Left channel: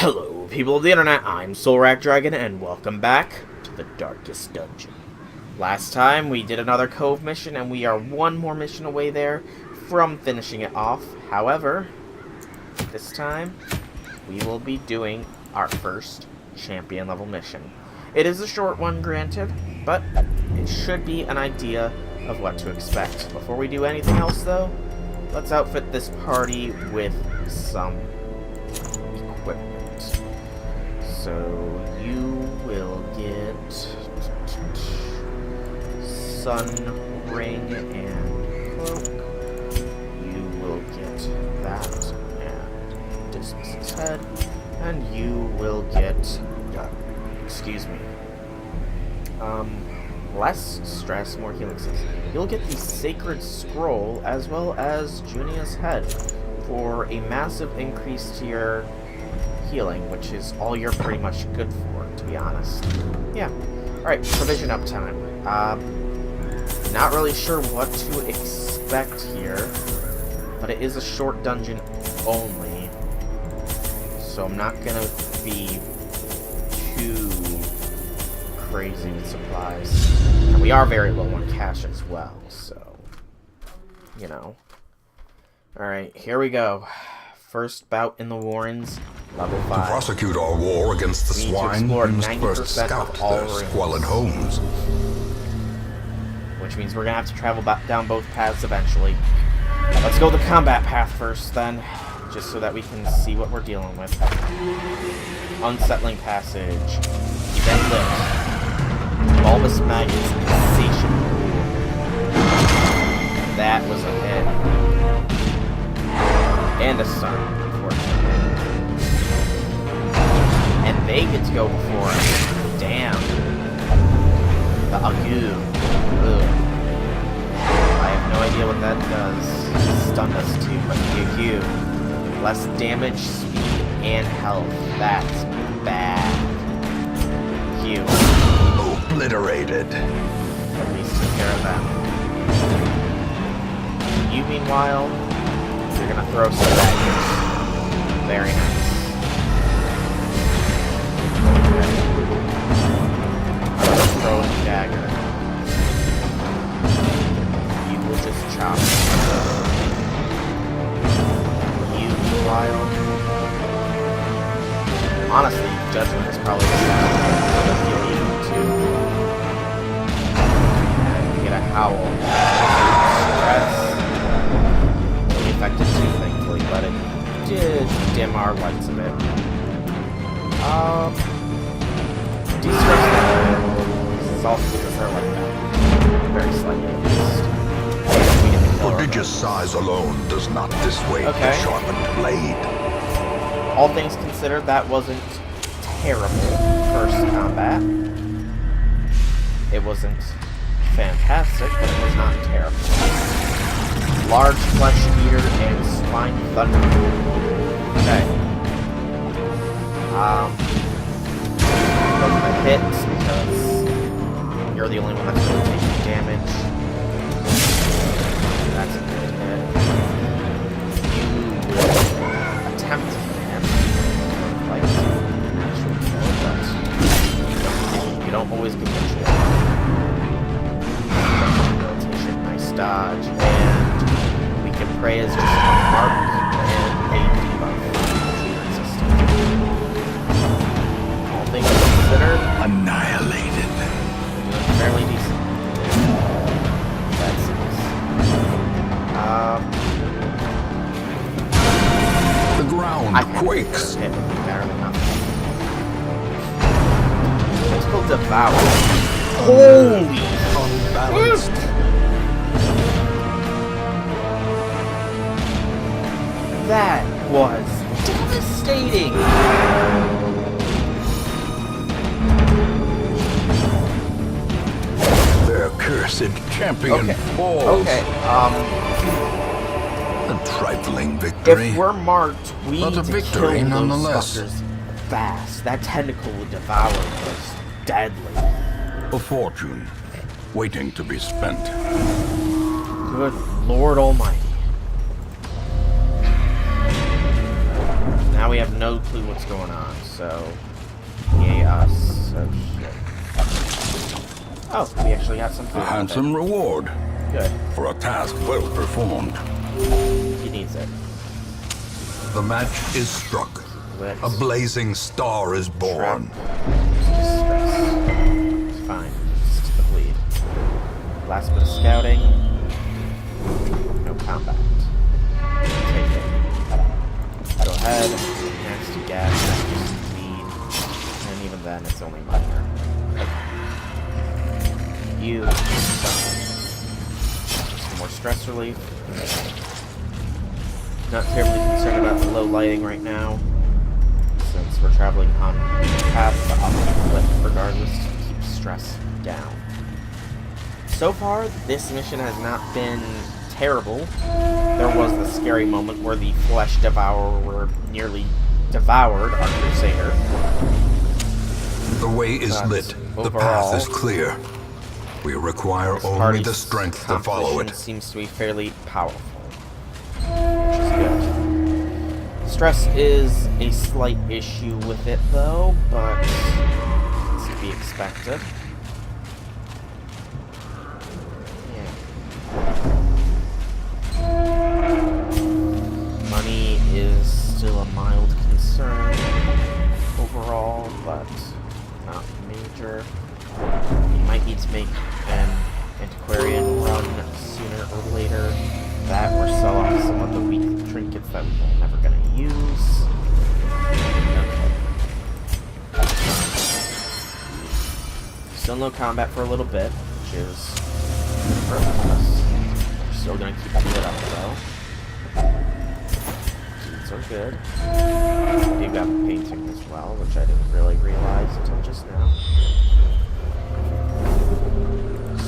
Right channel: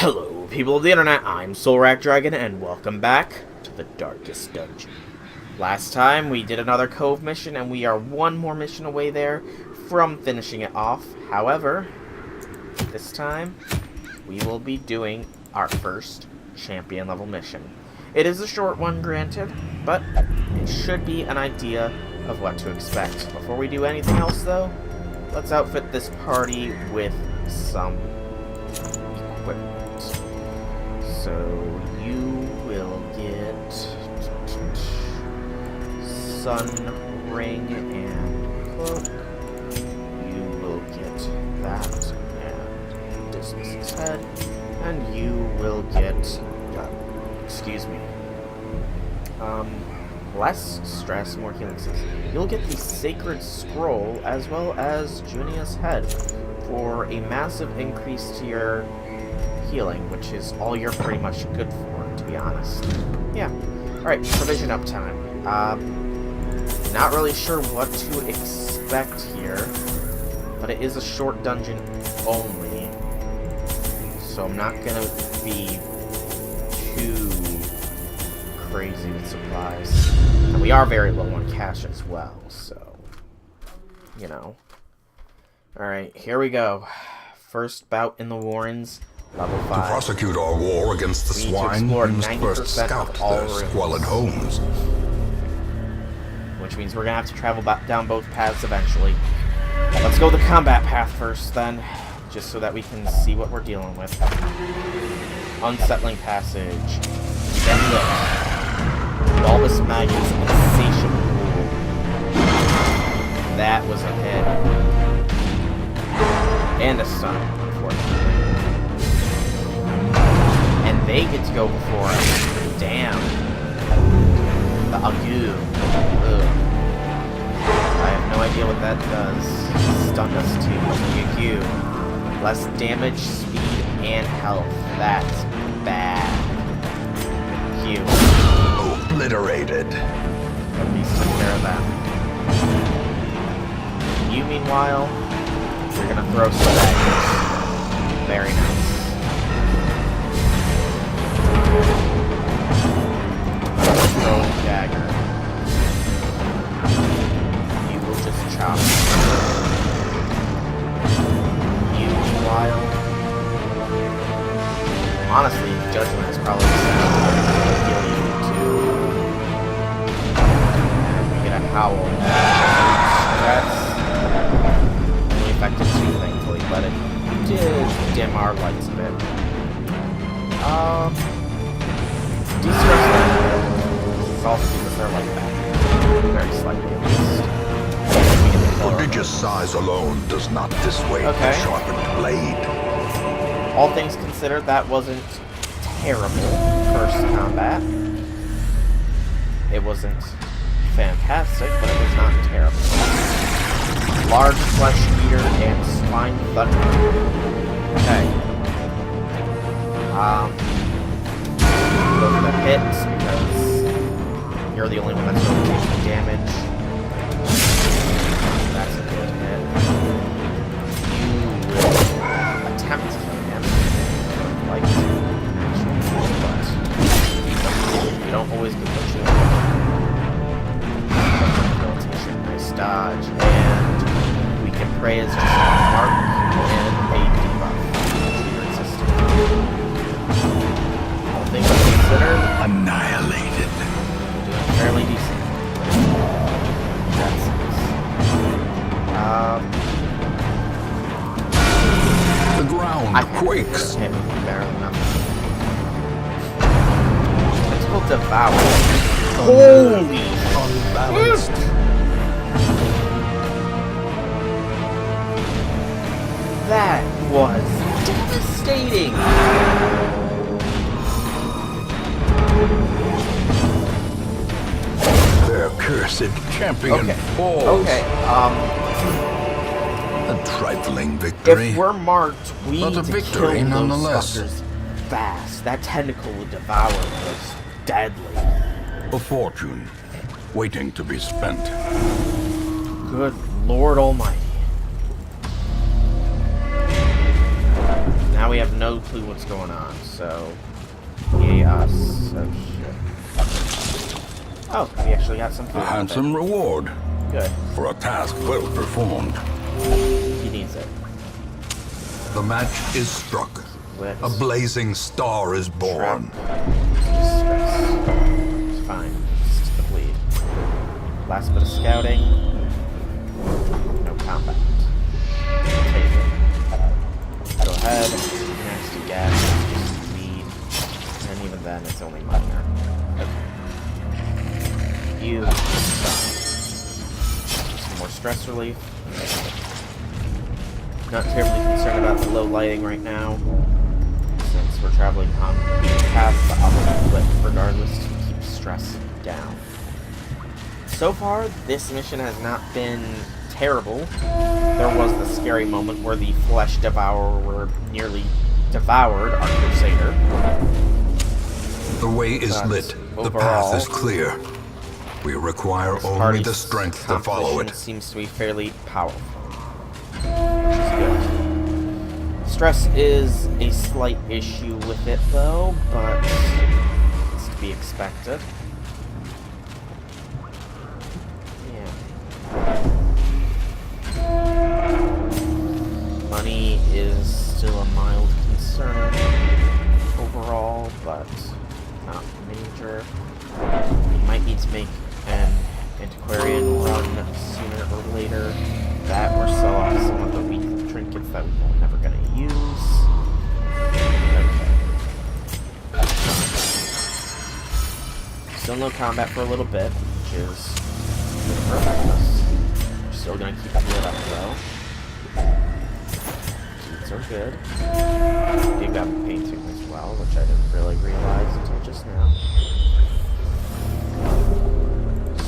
Hello, people of the internet, I'm Soulrack Dragon, and welcome back to the Darkest Dungeon. Last time, we did another Cove mission, and we are one more mission away there from finishing it off. However, this time, we will be doing our first champion level mission. It is a short one, granted, but it should be an idea of what to expect. Before we do anything else, though, let's outfit this party with some equipment. So you will get sun ring and cloak. You will get that and Dismas's head, and you will get less stress, more healing six. You'll get the Sacred Scroll as well as Junia's head for a massive increase to your healing, which is all you're pretty much good for, to be honest. Yeah. Alright, provision up time. Not really sure what to expect here, but it is a short dungeon only, so I'm not gonna be too crazy with supplies. And we are very low on cash as well, so, you know. Alright, here we go. First bout in the Warrens, level 5. To prosecute our war against the swine, we must first scout their squalid homes. Which means we're gonna have to travel down both paths eventually. Let's go the combat path first, then, just so that we can see what we're dealing with. Unsettling Passage. Event Lit. Bulbous Maggot's Insatiable Rule. That was a hit. And a stun, unfortunately. And they get to go before us. Damn. The Agu. Ugh. I have no idea what that does. Stunned us too, but the Agu. Less damage, speed, and health. That's bad. Q. Obliterated. At least took care of that. You, meanwhile, you're gonna throw some daggers. Very nice. Okay. Throw a dagger. You will just chop. You, meanwhile, honestly, Judgment is probably the sound that'll heal you too. And we get a Howl. That's only affected 2, thankfully, but it did dim our lights a bit. De-stress that a bit. It's also gives us our light back. Very slightly, at least. And we get the killer. Prodigious size alone does not dissuade the sharpened blade. All things considered, that wasn't terrible first combat. It wasn't fantastic, but it was not terrible. Large Flesh Eater and Swine Thunder. Okay. Go for the hits because you're the only one that's really taking damage. That's a good hit. You will attempt to kill him. Sort of like an actual kill, but you don't always get what you want. Rehabilitation, nice dodge, and we can pray as just a mark and a debuff, which we are resistant. All things considered, Annihilated. we're doing fairly decent. That's The ground quakes. Hit would be better than nothing. Tentacle Devour. Holy! Unbalanced. That was devastating! Their cursed champion falls. Okay, A trifling victory. if we're marked, we But need a to victory kill nonetheless. those fuckers fast. That Tentacle Devour was deadly. A fortune waiting to be spent. Good Lord Almighty. Now we have no clue what's going on, so... Yay us. Oh, shit. Oh, we actually got some food. A handsome reward. Good. For a task well performed. He needs it. The match is struck. Lit. A blazing star is born. It's just stress. It's fine. It's just the bleed. Last bit of scouting. No combat. Take it. Go ahead. Nasty gas. Just bleed. And even then, it's only minor. Okay. You stop. Some more stress relief. Not terribly concerned about the low lighting right now, since we're traveling on the path, but I'll flip regardless to keep stress down. So far, this mission has not been terrible. There was the scary moment where the Flesh Devourer nearly devoured our Crusader. The way is lit. The path is clear. We require only the strength to follow it. Seems to be fairly powerful, which is good. Stress is a slight issue with it, though, but it's to be expected. Yeah. Money is still a mild concern overall, but not major. We might need to make an antiquarian run sooner or later. That or sell off some of the weak trinkets that we're never going to use. Okay. Still no combat for a little bit, which is good for us. We're still going to keep it lit up though. Deeds are good. You got a painting as well, which I didn't really realize until just now.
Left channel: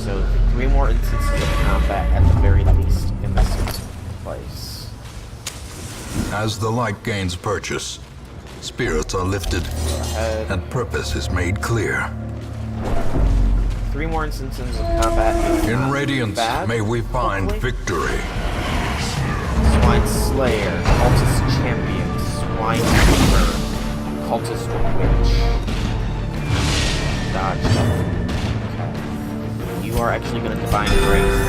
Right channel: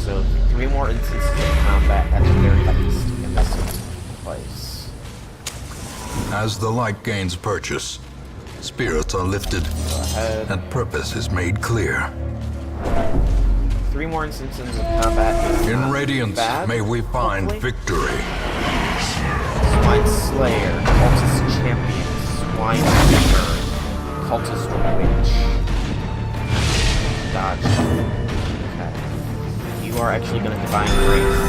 So 3 more instances of combat at the very least in this place. As the light gains purchase, spirits are lifted, and purpose is made clear. 3 more instances of combat is In not Radiance, bad, may we find hopefully. victory. Swine Slayer, Cultist Champion, Swine Fever, Cultist Witch. Dodge. Okay. You are actually going to Divine Grace,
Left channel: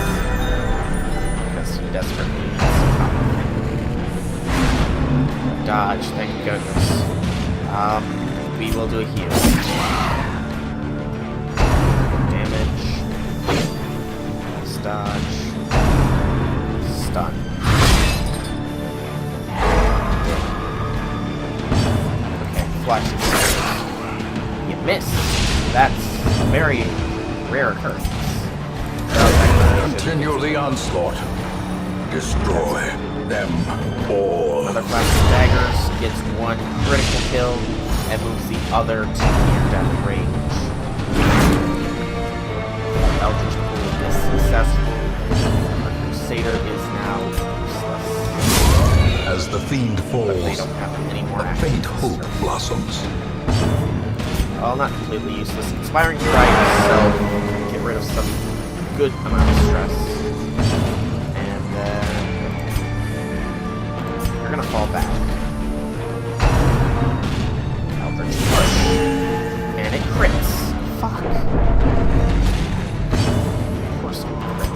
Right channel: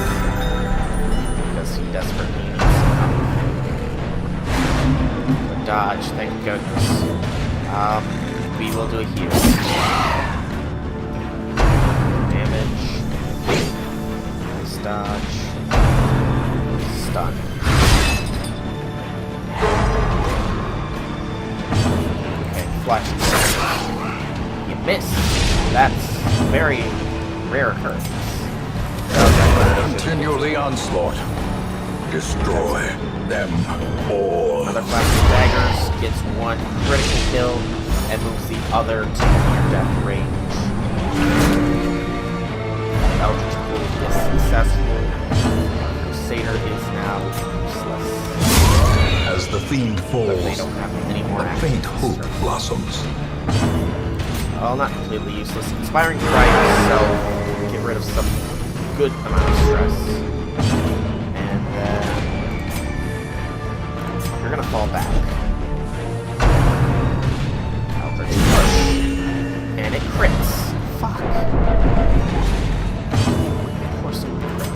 because he desperately needs some help. A dodge, thank goodness. We will do a heal. Damage. Nice dodge. Stun. Okay, flash. You missed. That's a very rare occurrence. Continue the onslaught. Destroy them all. Another flash of daggers gets 1 critical kill and moves the other to near-death range. Eldritch Pool is successful. Our Crusader is now useless. As the fiend But they falls, don't have any more a actions faint this hope turn. blossoms. Well, not completely useless. Inspiring Strike, so get rid of some good amount of stress. And then you're gonna fall back. Eldritch Push. And it crits. Fuck. Of course it will crit.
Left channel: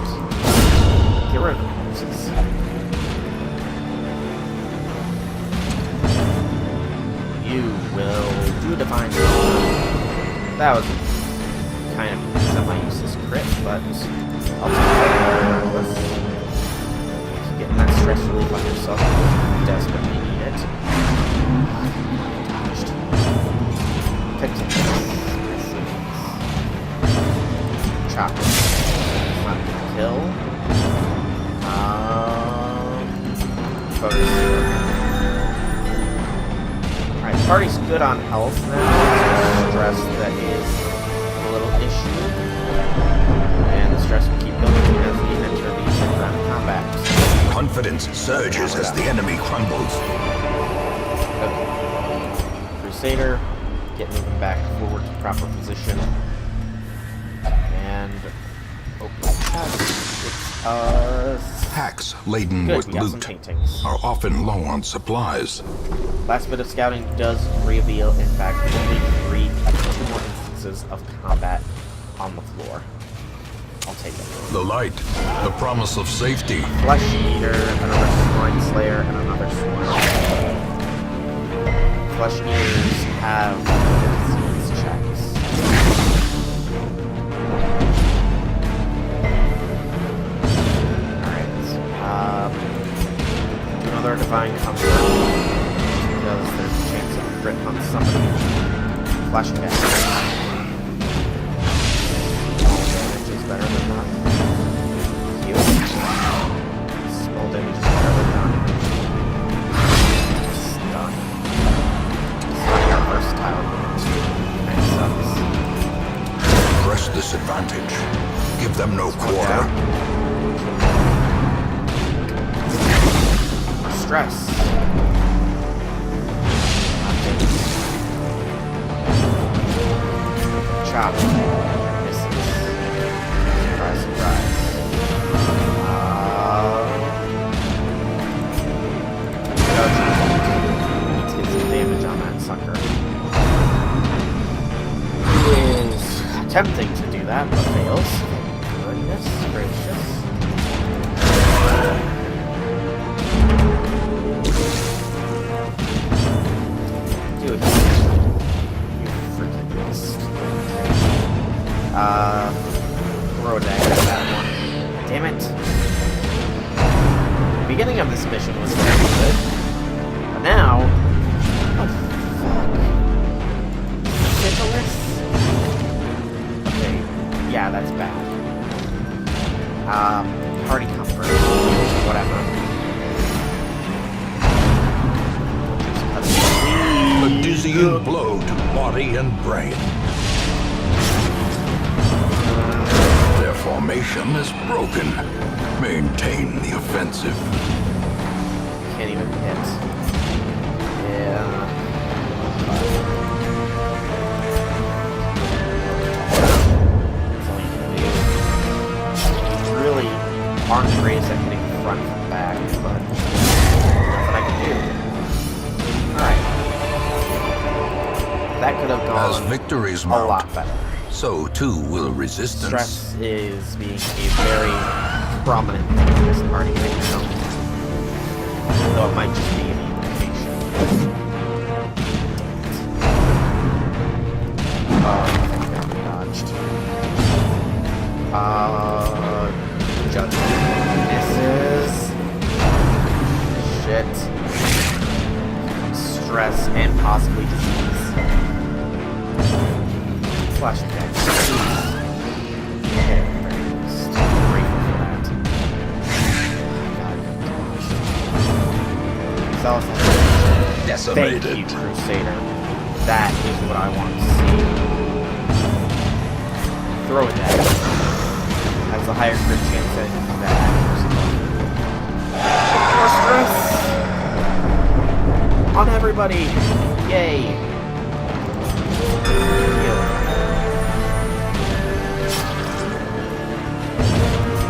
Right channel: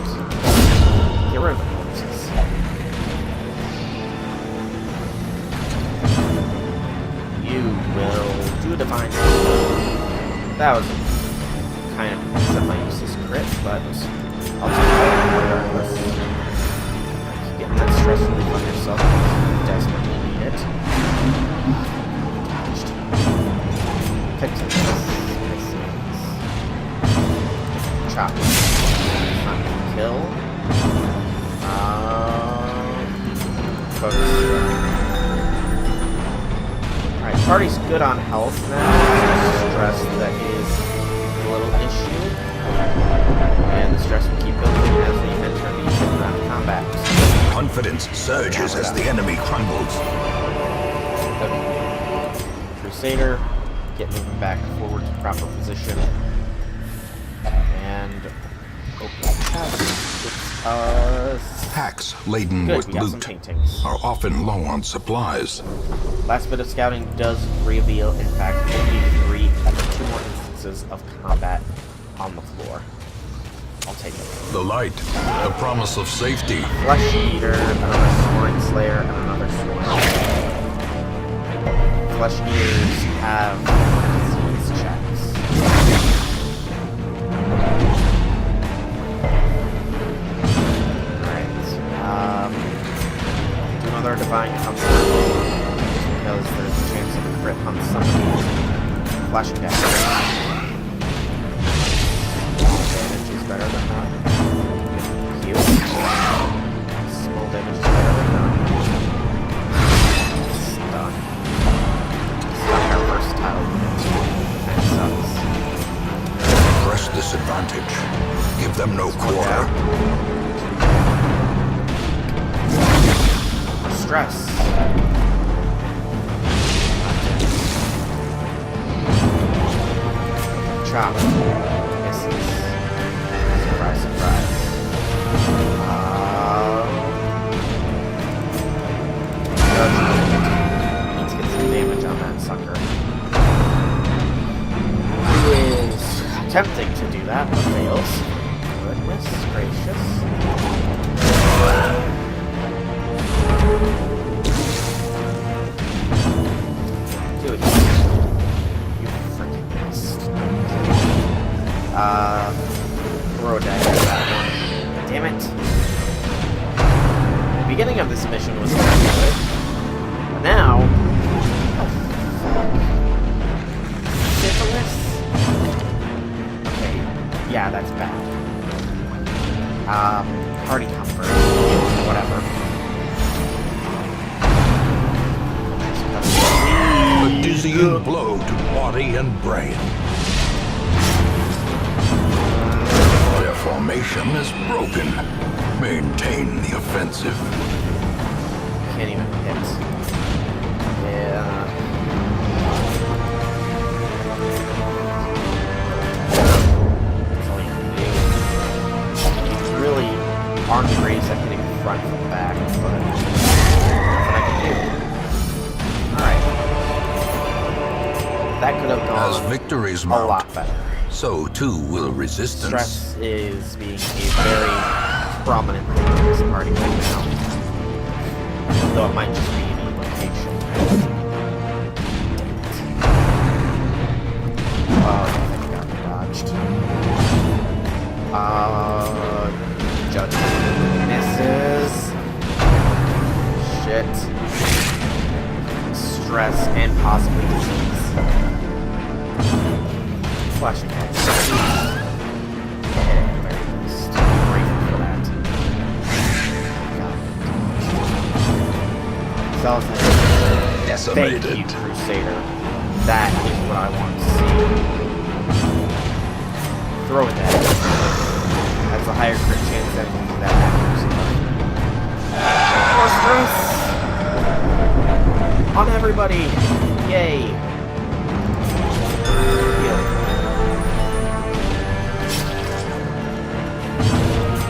Get rid of the corpses. You will do a Divine Power. That was kind of semi-useless crit, but I'll take it regardless. Keep getting that stress relief on yourself because you desperately need it. Dodged. Picked it. I see. Chop. It's not gonna kill. Focus. Alright, party's good on health now. It's stress that is a little issue. And the stress will keep building as we enter the 5th round of combat. Confidence surges as the enemy crumbles. Okay. Crusader, get moving back forward to proper position. And open the chest. It's, Packs laden good, with we got some loot paintings. are often low on supplies. Last bit of scouting does reveal, in fact, only 2 more instances of combat on the floor. I'll take it. The light, the promise of safety. Flesh Eater, another Swine Slayer, and another Swine Slayer. Flesh Eaters have the disease checks. Alright. Do another Divine Comfort. Just because there's a chance of a crit on somebody. Flashing damage. Small damage is better than none. Heal. Small damage is better than none. Stun. Stunning our versatile unit too. That sucks. Press this advantage. Give them no quarter. More stress. Chop. Misses. Surprise, surprise. Judgment. Need to get some damage on that sucker. Who is attempting to do that, but fails. Goodness gracious. Dude, you freaking missed. Throw a dagger at that one. Damn it. The beginning of this mission was very good. But now... Oh, fuck. Syphilis? Okay, yeah, that's bad. Party comfort. Whatever. Just cut it. A dizzying blow to body and brain. Their formation is broken. Maintain the offensive. Can't even hit. Yeah. That's all you can do. You really aren't the greatest at hitting front from back, but that's what I can do. Alright. That could have gone As victories a mount, lot better. so too will resistance. Stress is being a very prominent thing in this party right now. Though it might just be an evocation. Oh, thank God we dodged. Judgment. Misses. Shit. Stress and possibly disease. Flashing back. Hit it, at the very least. I'm grateful for that. God, Zealous has Decimated. Thank you, Crusader. That is what I want to see. Throw it at it. Has a higher crit chance than that accuracy. More stress! On everybody! Yay! Heal.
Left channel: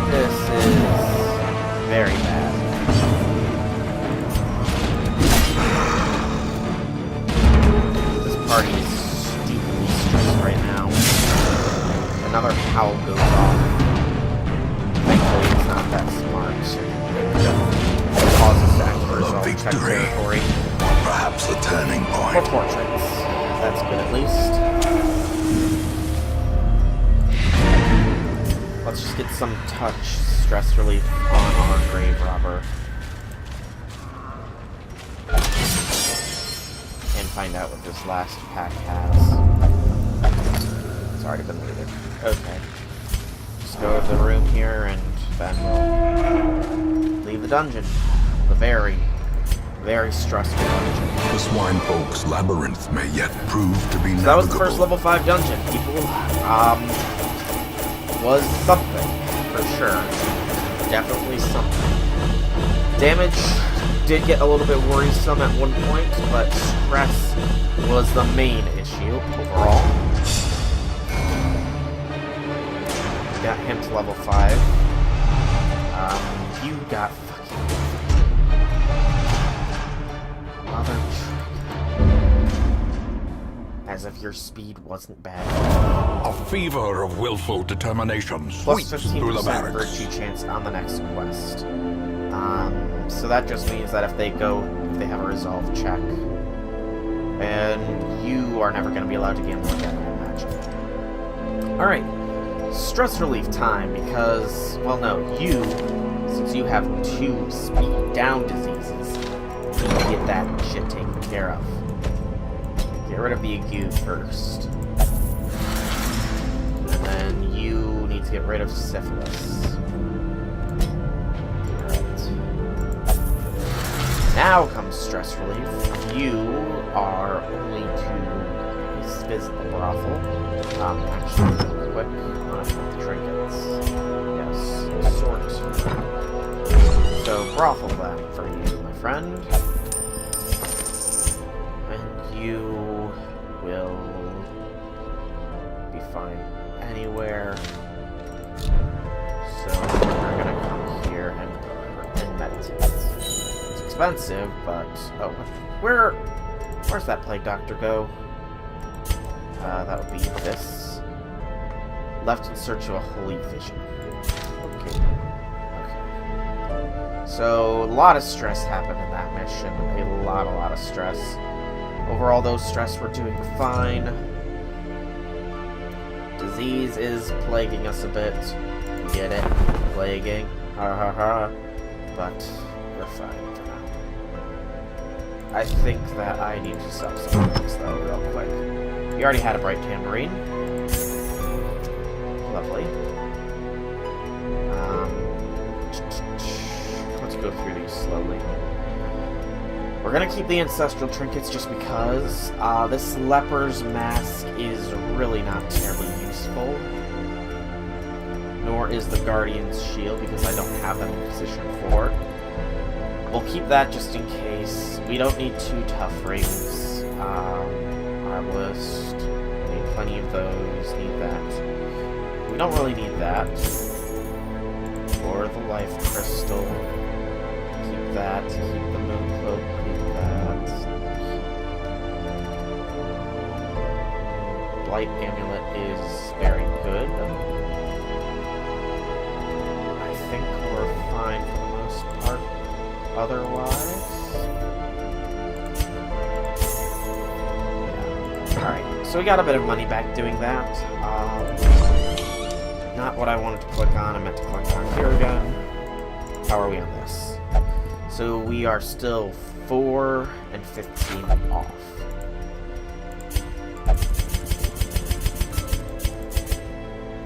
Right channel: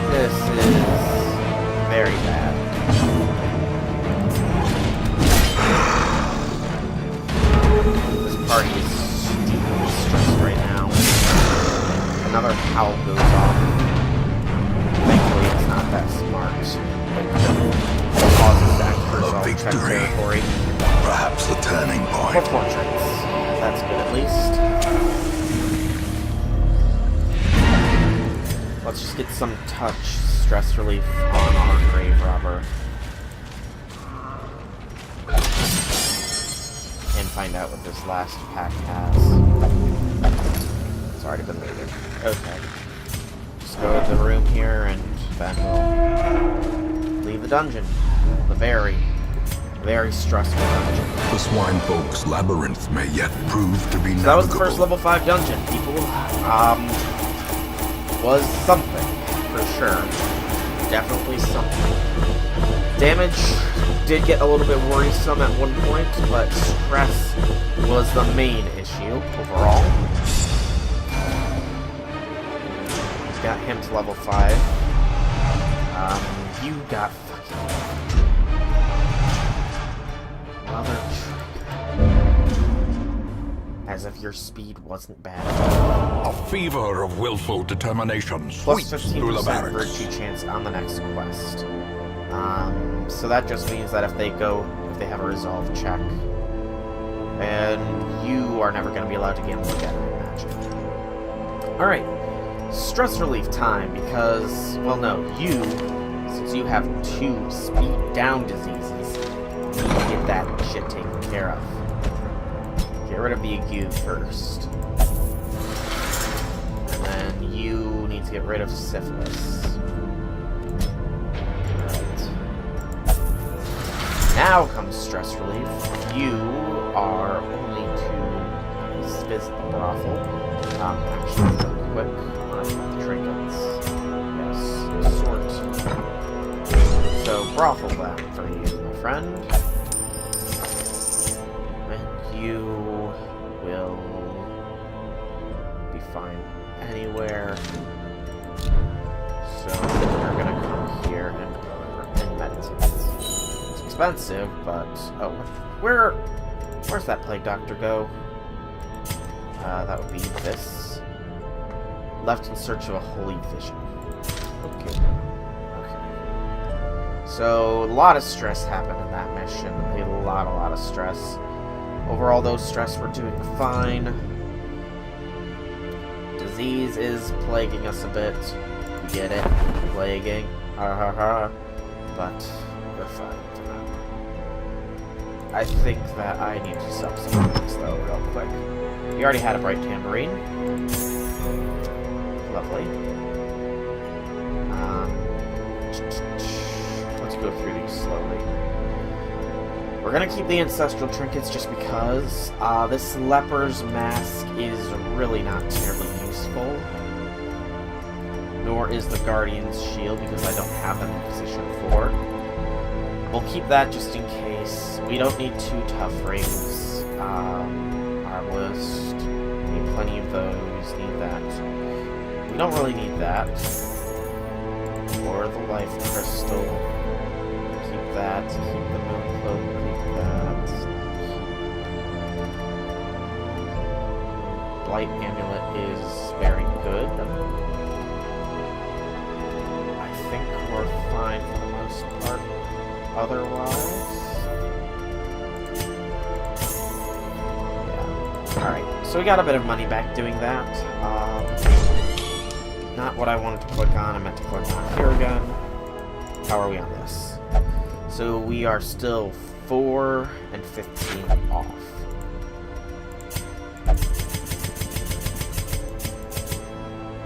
This is very bad. This party is stupidly stressed right now. Another howl goes off. Thankfully, it's not that smart. It could cause us to enter check victory. territory. Perhaps the turning More point. portraits. That's good at least. Let's just get some touch stress relief on our grave robber. And find out what this last pack has. It's already been looted. Okay. Just go to the room here and then we'll leave the dungeon. The very, very stressful dungeon. The swine folk's labyrinth may yet prove to be So that was the navigable. first level 5 dungeon, people. Was something, for sure. Definitely something. Damage did get a little bit worrisome at one point, but stress was the main issue overall. Got him to level 5. You got fucking... Mother trucker. As if your speed wasn't bad. A fever of willful determination Plus sweeps through the 15% barracks. virtue chance on the next quest. So that just means that if they have a resolve check, and you are never going to be allowed to gamble again, I imagine. Alright, stress relief time, because, well no, since you have 2 speed down diseases, you need to get that shit taken care of. Get rid of the ague first. And then you need to get rid of syphilis. Alright. Now comes stress relief. You are only to visit the brothel. Actually, real quick, I'm gonna put the trinkets. Yes, sort. So, brothel then for you, my friend. And you will be fine anywhere. So, we're gonna come here and meditate. It's expensive, but... Oh, where's that plague doctor go? That would be this. Left in search of a holy vision. Okay. Okay. So, a lot of stress happened in that mission. A lot of stress. Overall, those stress were doing fine. Disease is plaguing us a bit. You get it? Plaguing. Ha ha ha. But we're fine for now. I think that I need to stop some things, though, real quick. We already had a bright tambourine. Lovely. Let's go through these slowly. We're gonna keep the ancestral trinkets just because this leper's mask is really not terribly useful. Nor is the guardian's shield because I don't have them in position for. We'll keep that just in case. We don't need 2 tough rings. Arbalist. Need plenty of those. Need that. We don't really need that. Or the life crystal. Keep that. Keep the moon cloak. Keep that. Blight amulet is very good. I think we're fine for the most part. Otherwise... Yeah. Alright, so we got a bit of money back doing that. Not what I wanted to click on. I meant to click on here again. How are we on this? So we are still 4 and 15 off.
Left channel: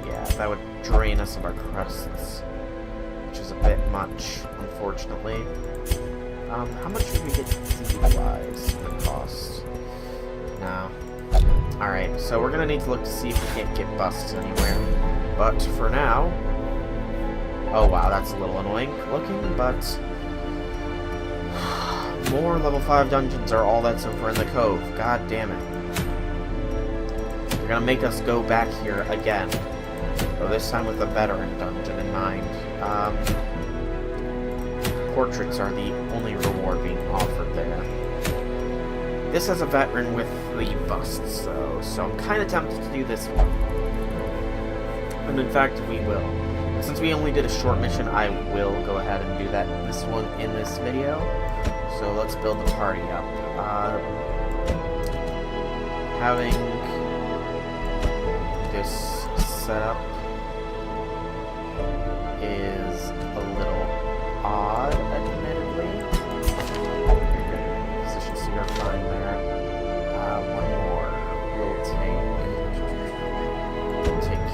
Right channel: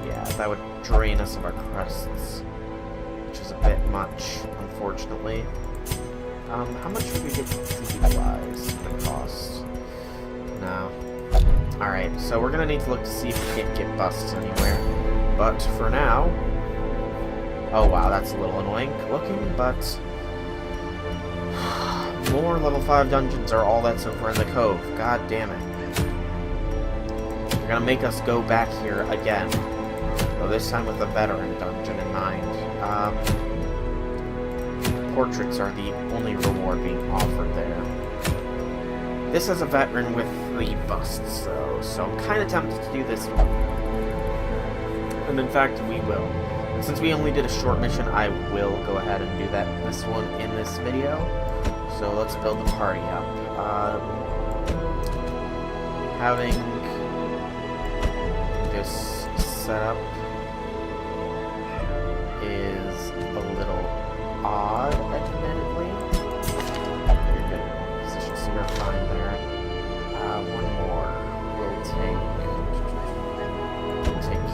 Yeah, that would drain us of our crests, which is a bit much, unfortunately. How much would we get seed-wise for the cost? No. Alright, so we're gonna need to look to see if we can't get busts anywhere. But for now... Oh wow, that's a little annoying looking, but... More level 5 dungeons are all that's over in the cove. God damn it. They're gonna make us go back here again. Though this time with a veteran dungeon in mind. Portraits are the only reward being offered there. This has a veteran with the busts, though, so I'm kind of tempted to do this one. And in fact, we will. And since we only did a short mission, I will go ahead and do this one in this video. So let's build the party up. Having this set up is a little odd, admittedly. You're good in position, so you're fine there. One more. We'll take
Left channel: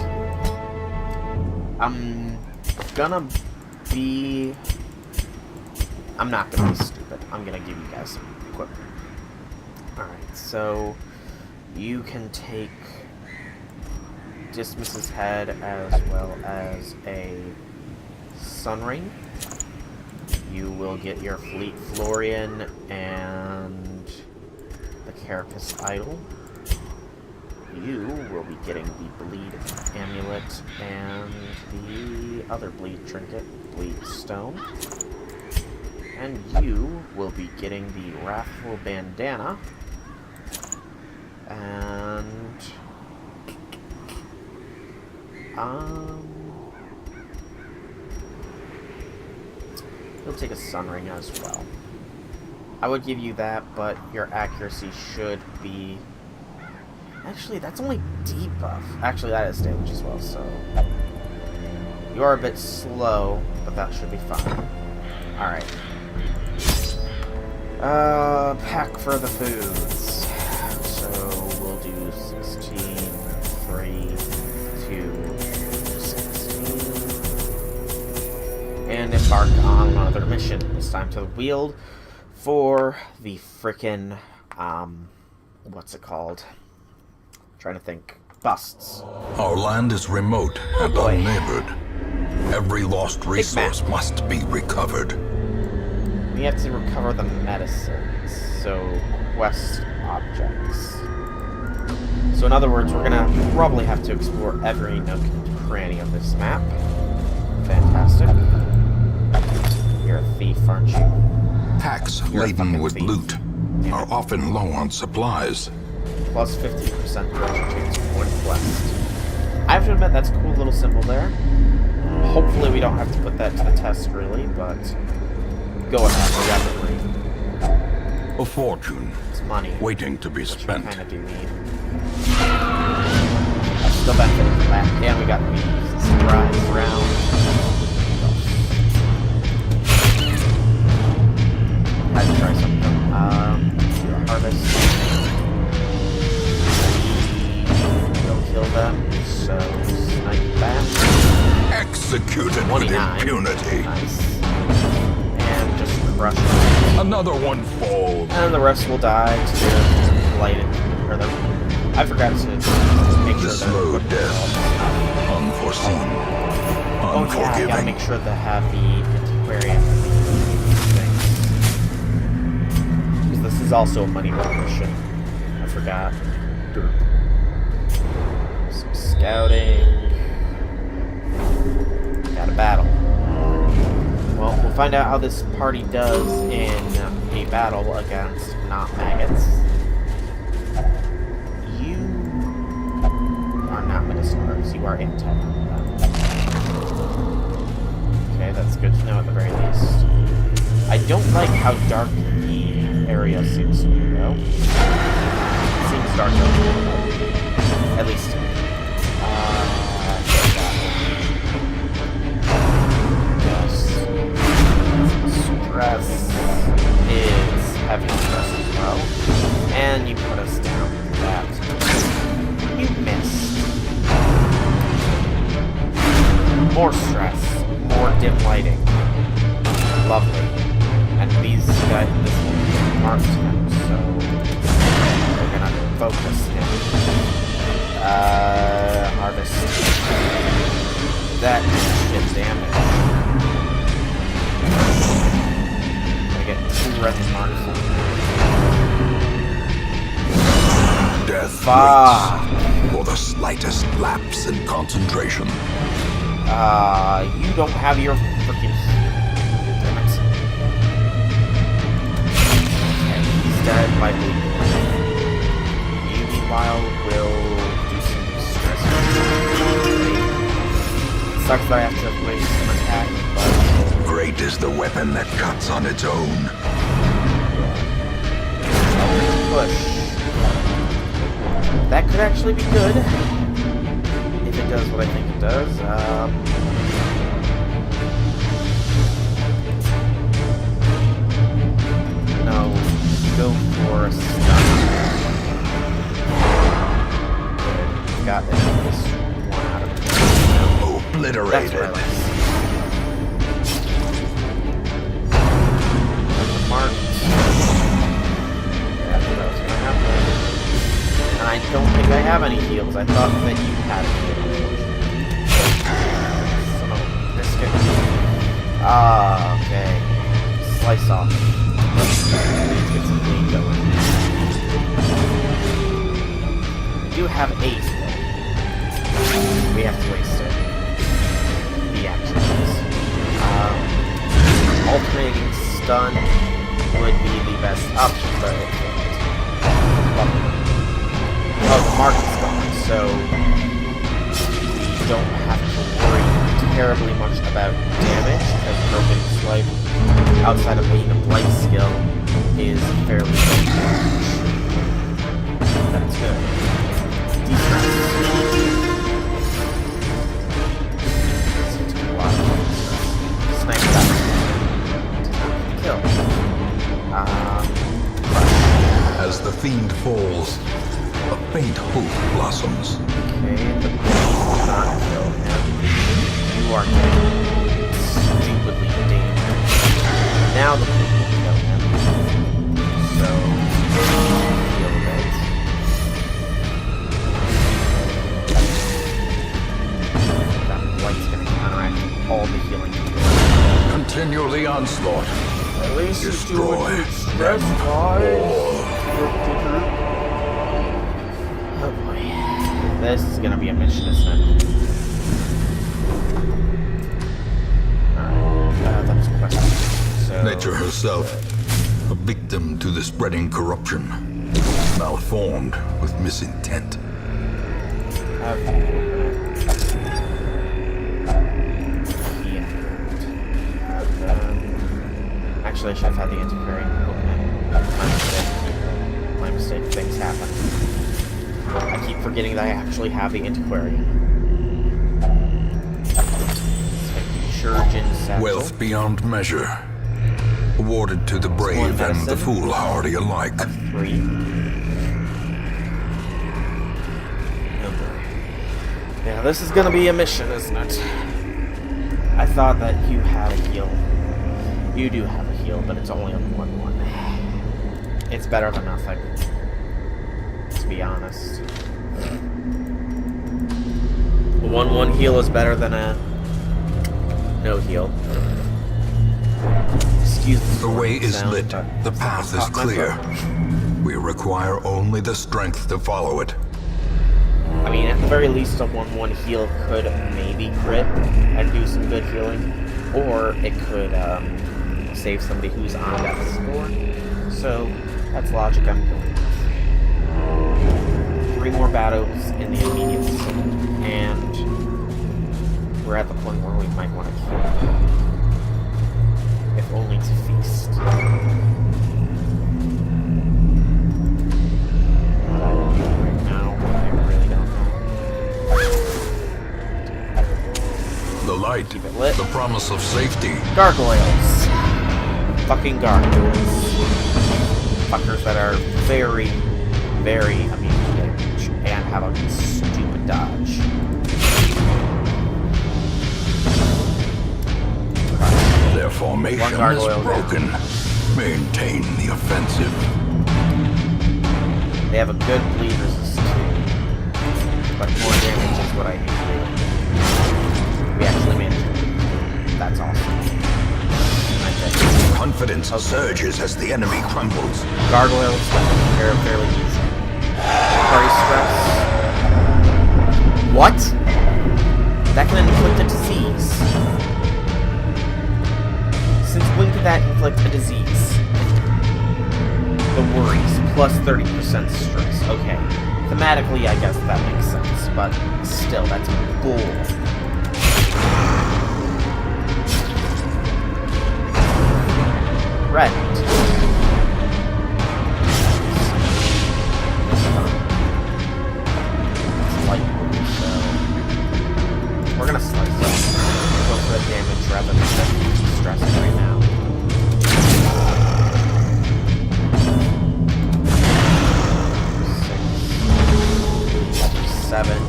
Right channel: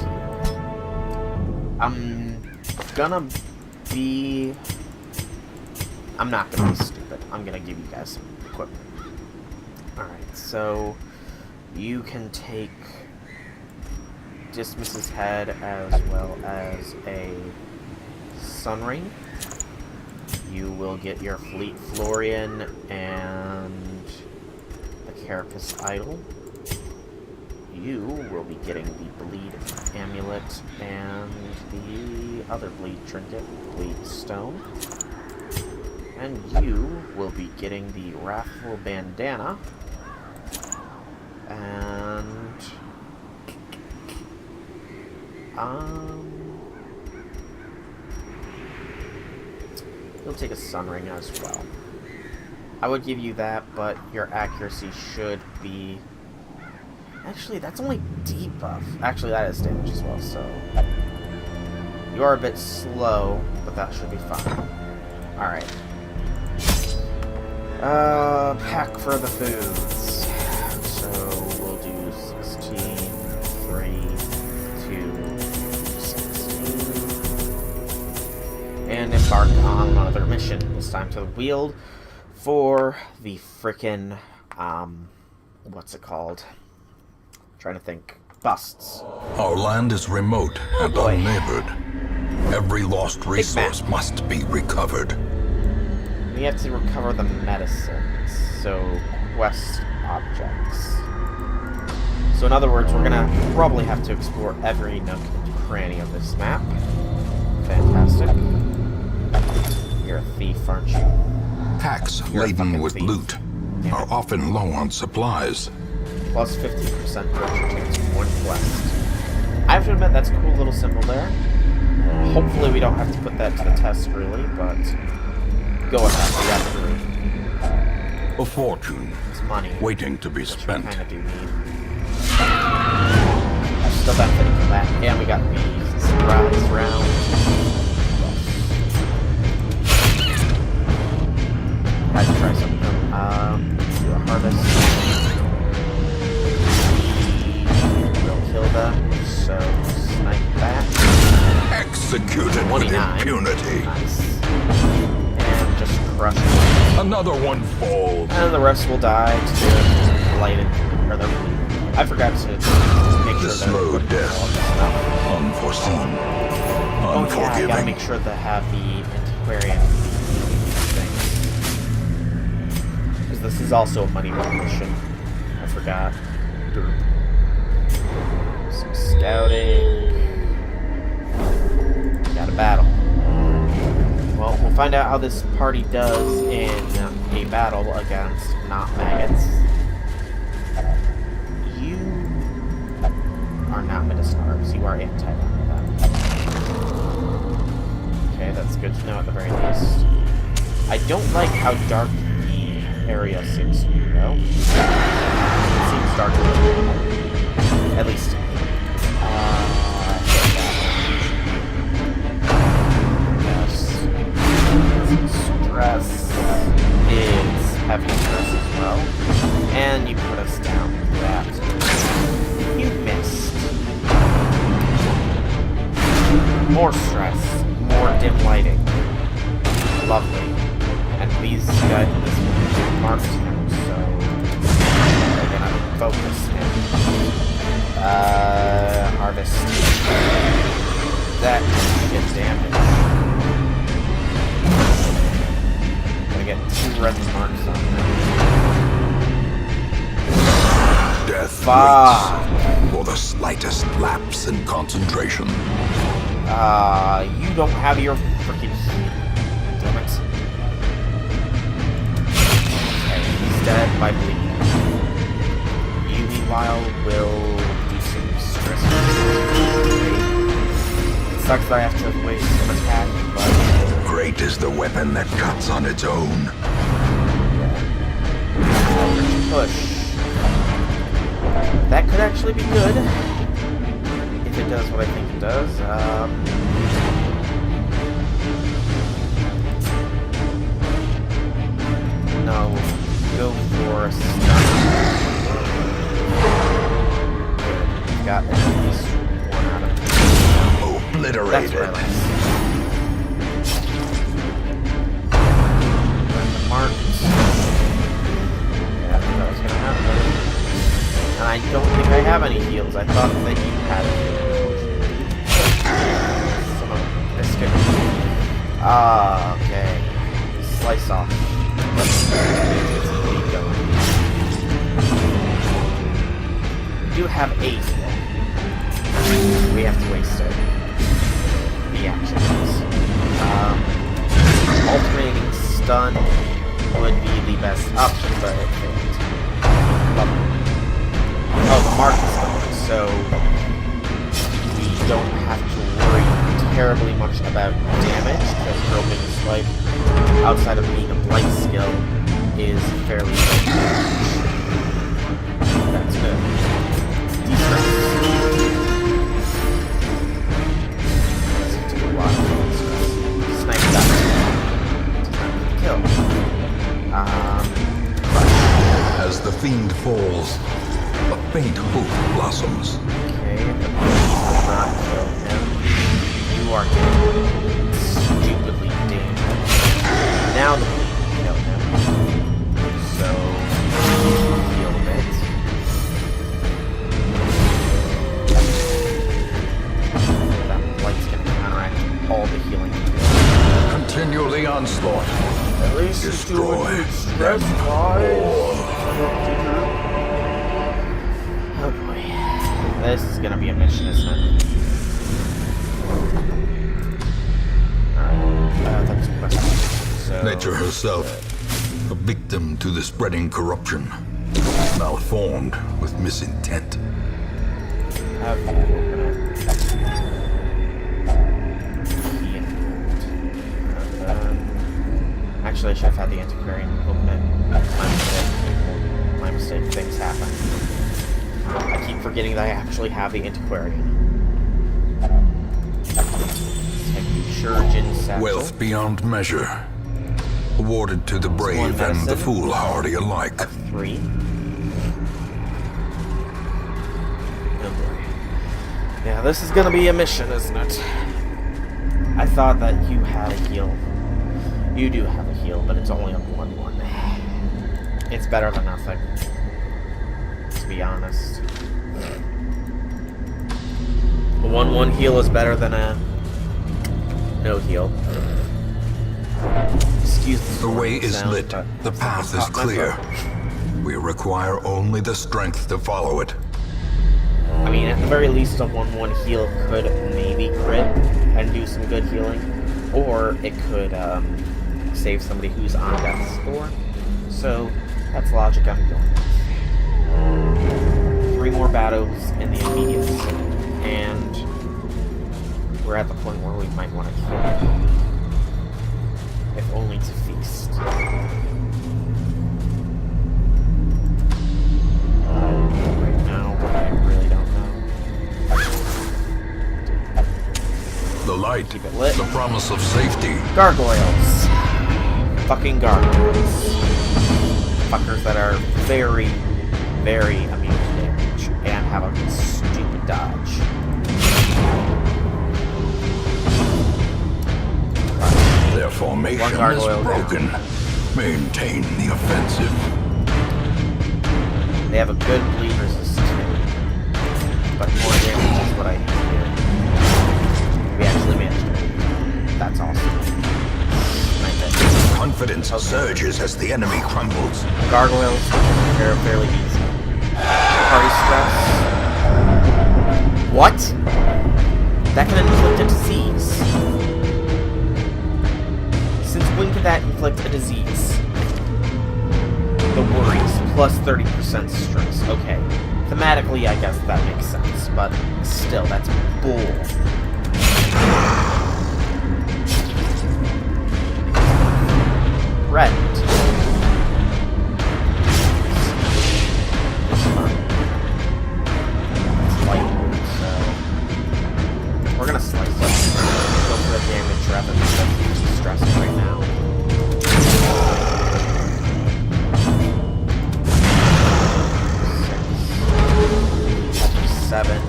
you. I'm not gonna be stupid. I'm gonna give you guys some equipment. Alright, so you can take Dismas's head as well as a sun ring. You will get your Fleet Florian and the Carapace Idol. you will be getting the Bleed Amulet and the other Bleed Trinket, Bleed Stone. And you will be getting the Wrathful Bandana. And... you'll take a Sun Ring as well. I would give you that, but your accuracy should be... Actually, that's only debuff. Actually, that is damage as well, so... You are a bit slow, but that should be fine. Alright. Pack for the foods. So, we'll do 16, 3, 2, 16. And embark on another mission. This time to the Weald for the frickin', what's it called? Trying to think. Busts. Our land is remote and unneighbored. Every lost resource must be recovered. We have to recover the medicines, so quest objects. So in other words, we're gonna probably have to explore every nook and cranny of this map. Fantastic. You're a thief, aren't you? Packs laden with loot are often low on supplies. Plus 15% direction chance for one quest. I have to admit, that's a cool little symbol there. Hopefully we don't have to put that to the test, really, but go ahead, we got 3. A fortune. It's money. Waiting to be spent. Kind of do need. I'm still benefiting from that. And we got the surprise round. Had to try something. Do a harvest. We'll kill them. So snipe back. Executed with impunity. Nice. And just crush it. Another one falls. And the rest will die to their blighted, or their... I forgot to just make sure the slow that death. Unforeseen. Oh Unforgiving. yeah, I gotta make sure to have the antiquarian things. Because this is also a money run mission. I forgot. Some scouting. Got a battle. Well, we'll find out how this party does in a battle against not maggots. You are not Midasnars. You are anti-venom. Okay, that's good to know at the very least. I don't like how dark the area seems to be, though. It seems darker than normal. At least. I hate that. Yes. Stress is heavy stress as well. And you put us down for that. You missed. More stress. More dim lighting. Lovely. And these guys, this will marked him, so they're gonna focus him. Harvest. That shit damage. Gonna get 2 red marks on him. Death waits for the slightest lapse in concentration. You don't have your freaking heal. Damn it. Okay, he's dead by bleeding. You, meanwhile, will do some stress. It sucks that I have to waste some attack, but... Great is the weapon that cuts on its own. Yeah. Push. That could actually be good. If it does what I think it does. No. Go for a stun. Good. Got at least 1 out of 10. Obliterated. That's what I like. We're marked. Yeah, I knew that was gonna happen. And I don't think I have any heals. I thought that you had a heal, unfortunately. Son of a biscuit. Ah, okay. Slice off. Let's get some bleed going. We do have a heal. We have to waste it. The action is. Alternating stun would be the best option, but it failed. Lovely. Oh, the mark is gone, so we don't have to worry terribly much about damage, because Groping Swipe, outside of being a blight skill, is fairly low damage. That's good. Distress. Seems to be a lot of distress. Snipe that. Does not need to kill. As the fiend falls, a faint hope blossoms. Okay, the bleed will not kill him. You are getting stupidly damaged. Now the bleed will kill him. So, heal a bit. That light's gonna counteract all the healing you do. Continue the onslaught. At least Destroy you stress them wise. all. Oh boy. This is gonna be a mission, isn't it? Alright, that's a question. So, Nature herself, a victim to the spreading corruption, malformed with misintent. have you open it. Actually, I should have had the antiquarian open it. My mistake, people. My mistake. Things happen. I keep forgetting that I actually have the antiquarian. Take the Shurjin satchel. Wealth beyond measure, awarded to the brave and the foolhardy alike. 3. Oh boy. Yeah, this is gonna be a mission, isn't it? I thought that you had a heal. You do have a heal, but it's only a 1-1. It's better than nothing. To be honest. A 1-1 heal is better than a no heal. Excuse The way is sound, lit, but the path is caught my clear. foot. We require only the strength to follow it. I mean, at the very least, a 1-1 heal could maybe crit and do some good healing. Or it could save somebody who's on death's door. So, that's logic I'm going with. 3 more battles in the immediate vicinity. And we're at the point where we might want to kill. If only to feast. What I will do right now, I really don't know. The light, Keep it lit. the promise of safety. Gargoyles. Fucking gargoyles. Fuckers that are very, very immune to damage and have a stupid dodge. Their formation One is gargoyle broken. Maintain the offensive. They have a good bleed resist too. But more damage is what I need to do. We actually managed to bleed. That's awesome. Confidence surges as the enemy crumbles. Gargoyles are fairly easy. Party stress. What? That can inflict a disease. Since when can that inflict a disease? The worries, plus 30% stress. Okay. Thematically, I guess that makes sense, but still, that's bull. Red. It's fun. It's light blue, so we're gonna slice it. Go for the damage rather than the stress right now. 6, 7.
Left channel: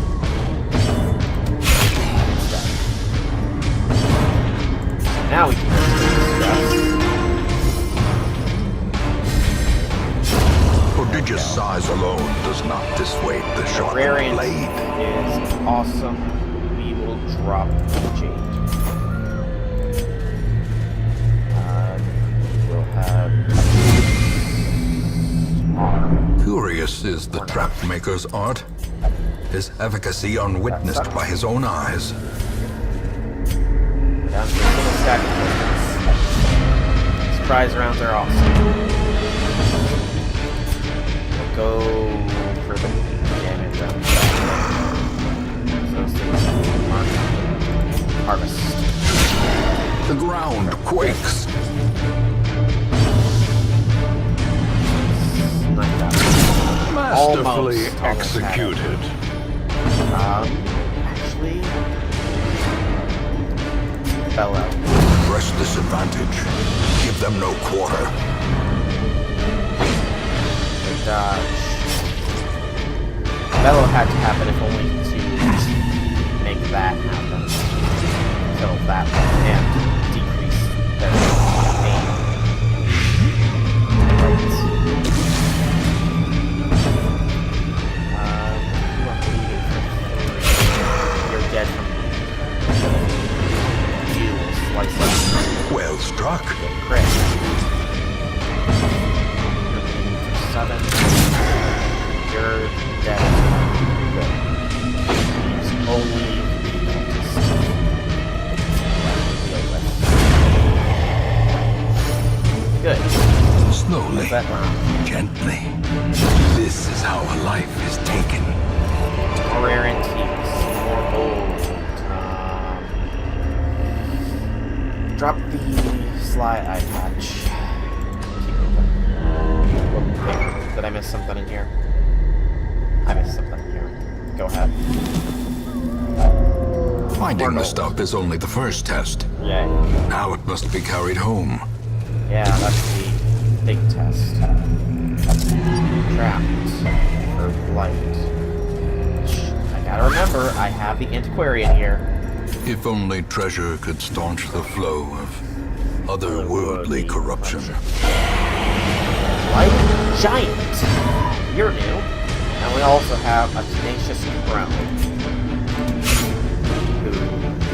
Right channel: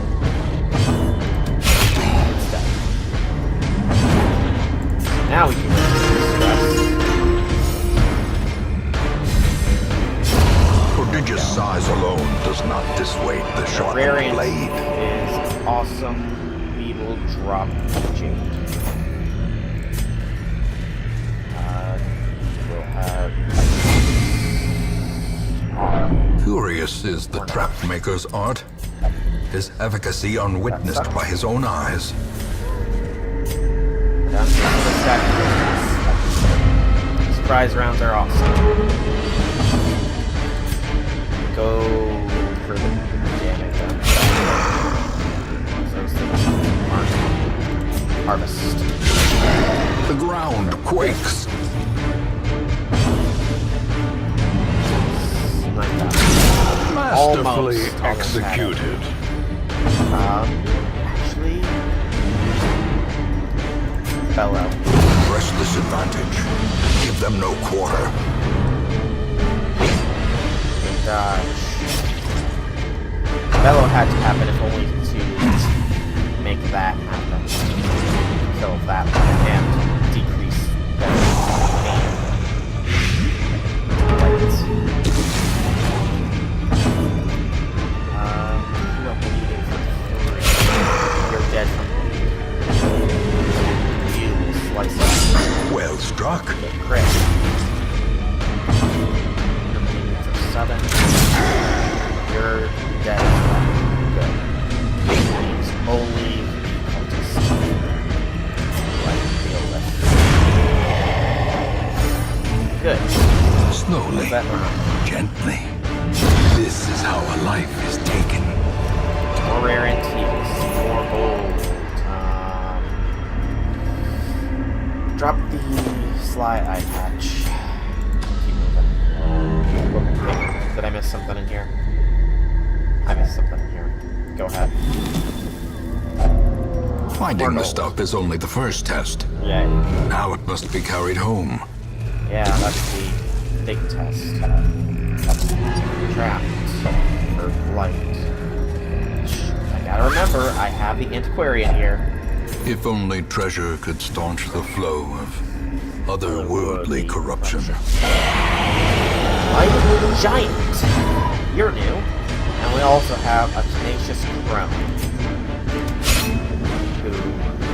It's dead. So now we can go to the stress. Prodigious size alone does not dissuade the sharpened blade. Is awesome. We will drop Jade. We'll have are. Curious is the trap maker's art. His efficacy unwitnessed by his own eyes. Down to the stack of tokens. Surprise rounds are awesome. Go for the damage on those things. Mark. Harvest. The ground quakes. 9,000. Masterfully Almost executed. Actually, Bellow. Press this advantage. Give them no quarter. The dodge. Bellow had to happen if only to make that happen. Kill that one and decrease their pain. Right. You are bleeding for 3. You're dead from bleeding. You will slice up. Well struck. Get crit. You're bleeding for 7. You're dead as well. Good. Leaves only the cultist who I can deal with. Good. Slowly, That round. gently. This is how a life is taken. More rare antiques. More gold. Drop the sly eye patch. Keep moving. Whoop, wait, did I miss something in here? I missed something in here. Go ahead. Finding the stuff is only the first test. Yay. Now it must be carried home. Yeah, that's the big test. Trapped for blight. I gotta remember, I have the antiquarian here. If only treasure could staunch the flow of otherworldly corruption. Blighted giant. You're new. And we also have a tenacious crone, who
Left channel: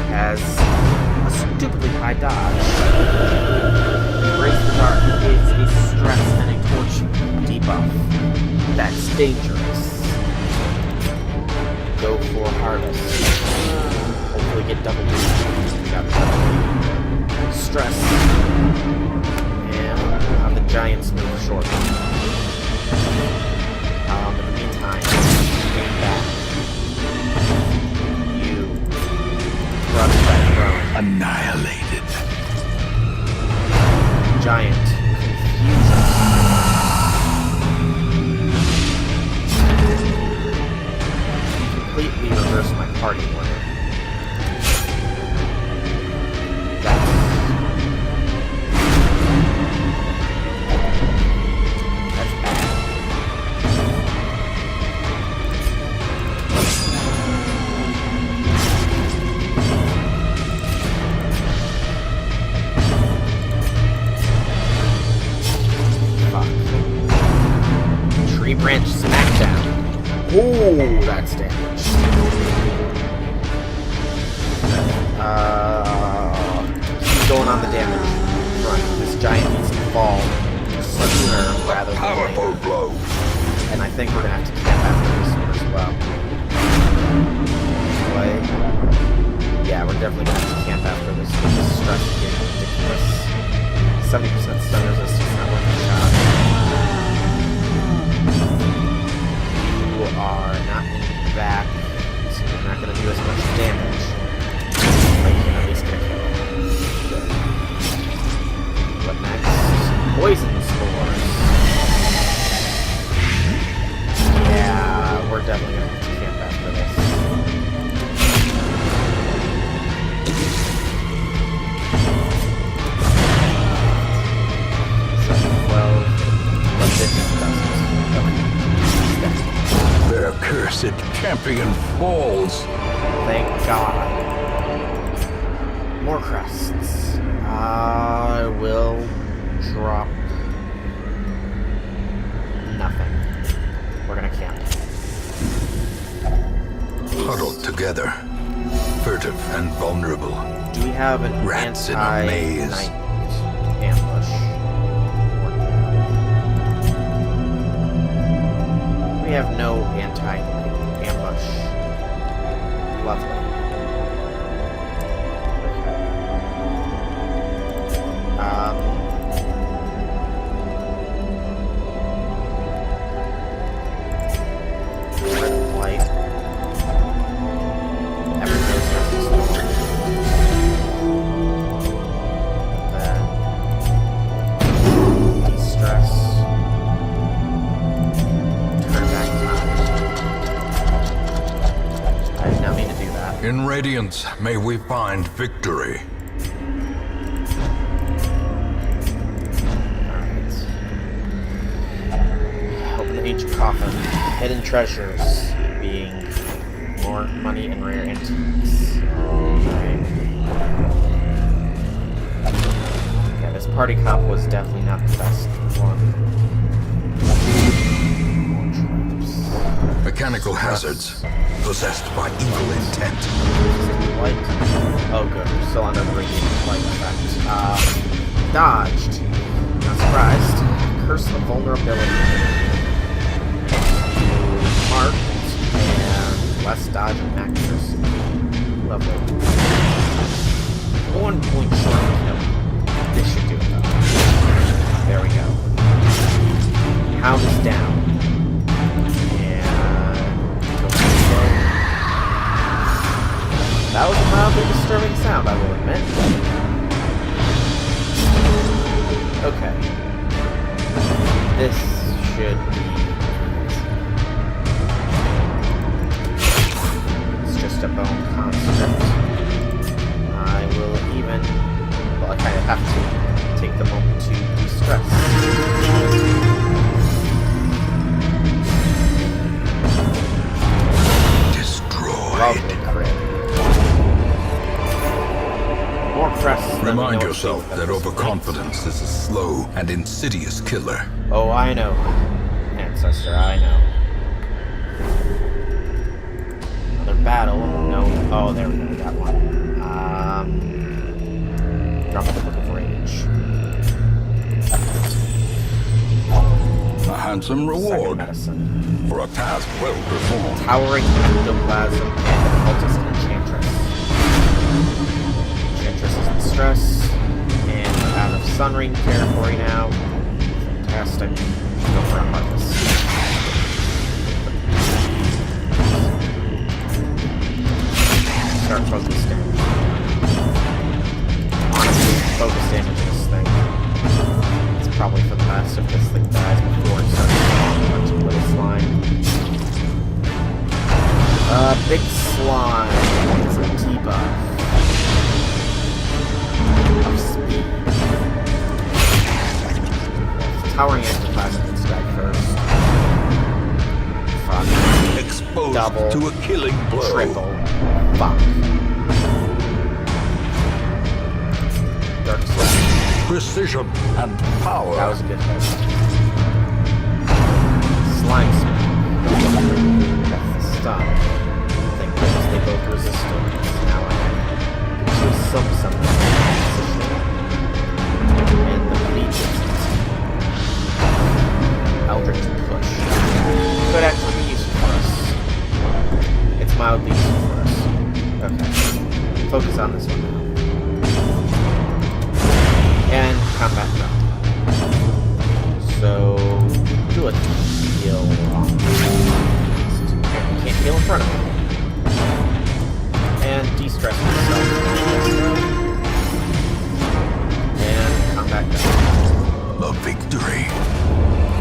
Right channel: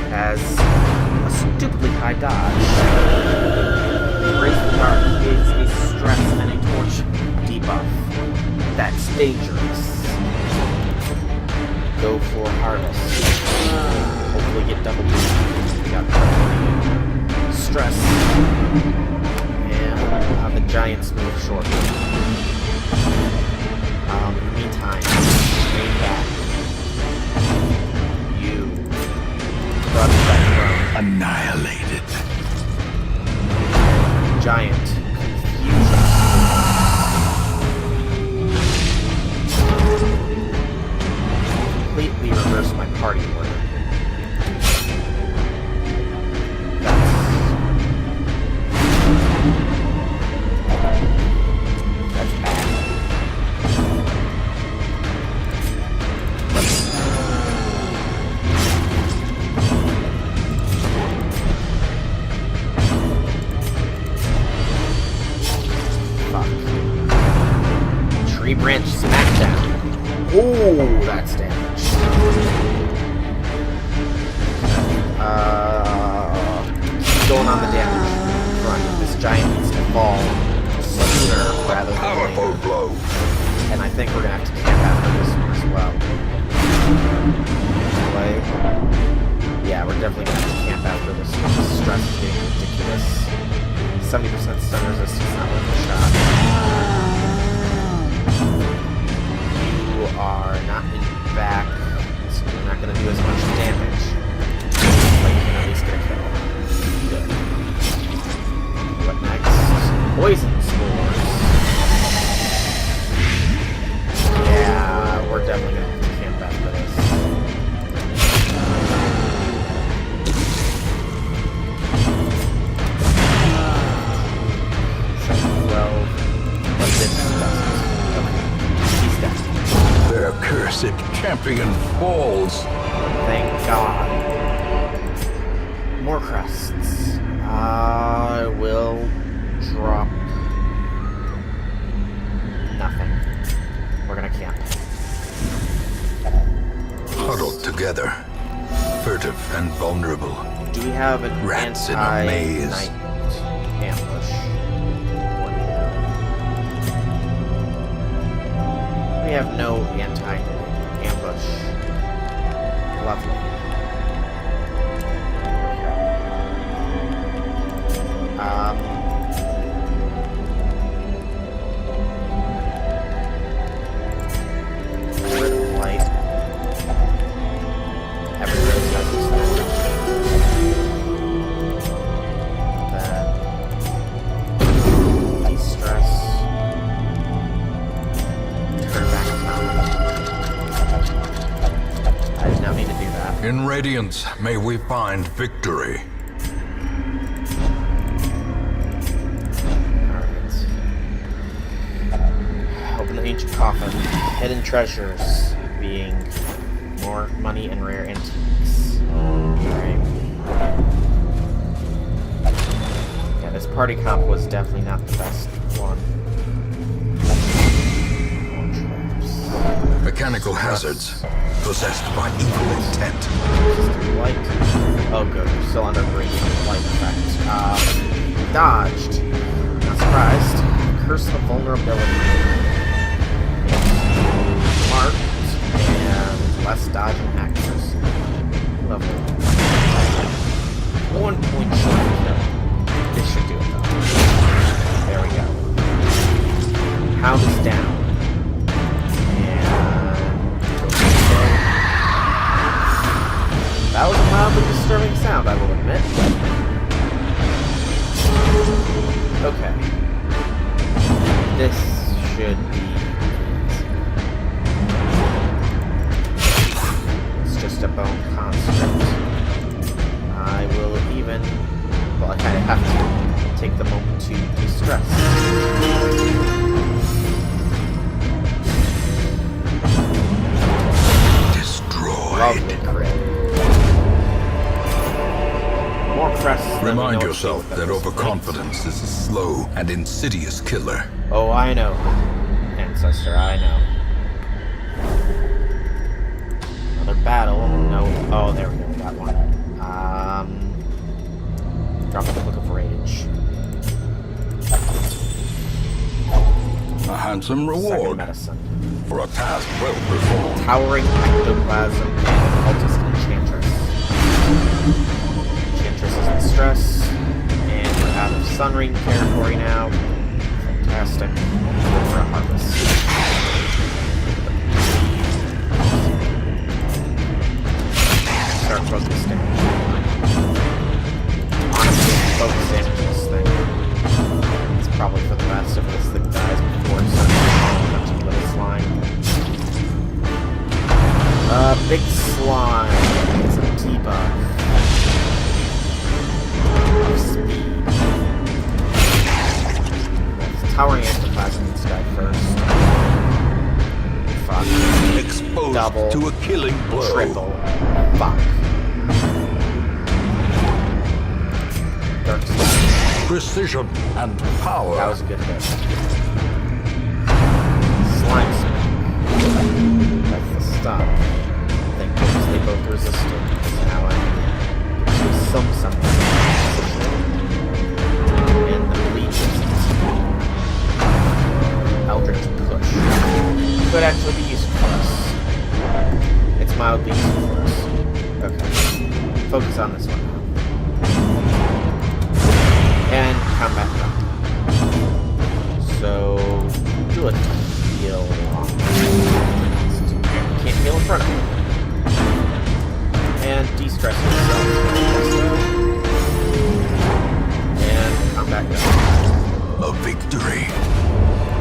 has a stupidly high dodge. Embrace the Dark is a stress and a torch debuff. That's dangerous. Go for harvest. Hopefully get double boost. We got double stress. And we'll have the giants move shortly. In the meantime, aim back. You crush that drone. Annihilated. Giant confusion. You completely reverse my party order. That's bad. Tree branch smackdown. Oh, that's damage. Keep going on the damage front. This giant needs to fall sooner rather than Powerful later. blow. And I think we're gonna have to camp after this one as well. Anyway, yeah, we're definitely gonna have to camp after this one. The stress is getting ridiculous. 70% stun resistance, not worth a shot. You are not in back, so you're not going to do as much damage. But you can at least get a kill. Good. What next? Poison spores. Yeah, we're definitely going to have to camp after this. But this doesn't. Okay. He's dead. Their cursed champion falls. Thank God. More crests. I will drop nothing. We're gonna camp. Huddled together. Furtive and vulnerable. Do we have an Rats in a maze. anti-night ambush? Or no? we have no anti-ambush. Lovely. Okay. Rid of light. Every rose has its thorn. Then de-stress. Turn back time. I did not mean to do that. In Radiance, may we find victory. Open the ancient coffin. Hidden treasures, being more money and rare antiques. Alright. Yeah, this party cop was definitely not the best one. More traps. Mechanical hazards, possessed by evil intent. Light. Oh good, we're still under the radiant light effect. Dodged. Not surprised. Curse of vulnerability. Marked and less dodge and accuracy. Lovely. 1 point short of kill. This should do it though. There we go. Hound is down. And go for the kill. That was a mildly disturbing sound, I will admit. Okay. This should be just a bone construct. I will even... Well, I kind of have to take the moment to de-stress. Destroyed. Lovely crit. More crests than we know Remind what to do yourself with at that this overconfidence is a slow and insidious killer. point. Oh, I know. Ancestor, I know. Battle. No. Oh, there we go. We got one. Drop the Book of Rage. A handsome Second reward medicine. for a task well performed. Towering Ectoplasm and Occultist Enchantress. Enchantress is the stress. And we're out of Sunring territory now. Fantastic. Go for a harvest. Start focus damage. Honestly, focus damage this thing. It's probably for the best if this thing dies before it starts spawning a bunch of little slime. Big slime is a debuff of speed. Yes, towering ectoplasm needs to die first. Fuck. Exposed Double. to a killing blow. Triple. Fuck. Dark Slime. Precision and power. That was a good hit. Slime Smack. That's the stun. Thank goodness they both resisted, because now I can get to some position. And the bleed gets it. Eldritch Push. Could actually be useful for us. It's mildly useful for us. Okay. Focus on this one now. And combat drop. So, do a heal on this. Apparently can't heal in front of me. And de-stress yourself. And combat drop. A victory.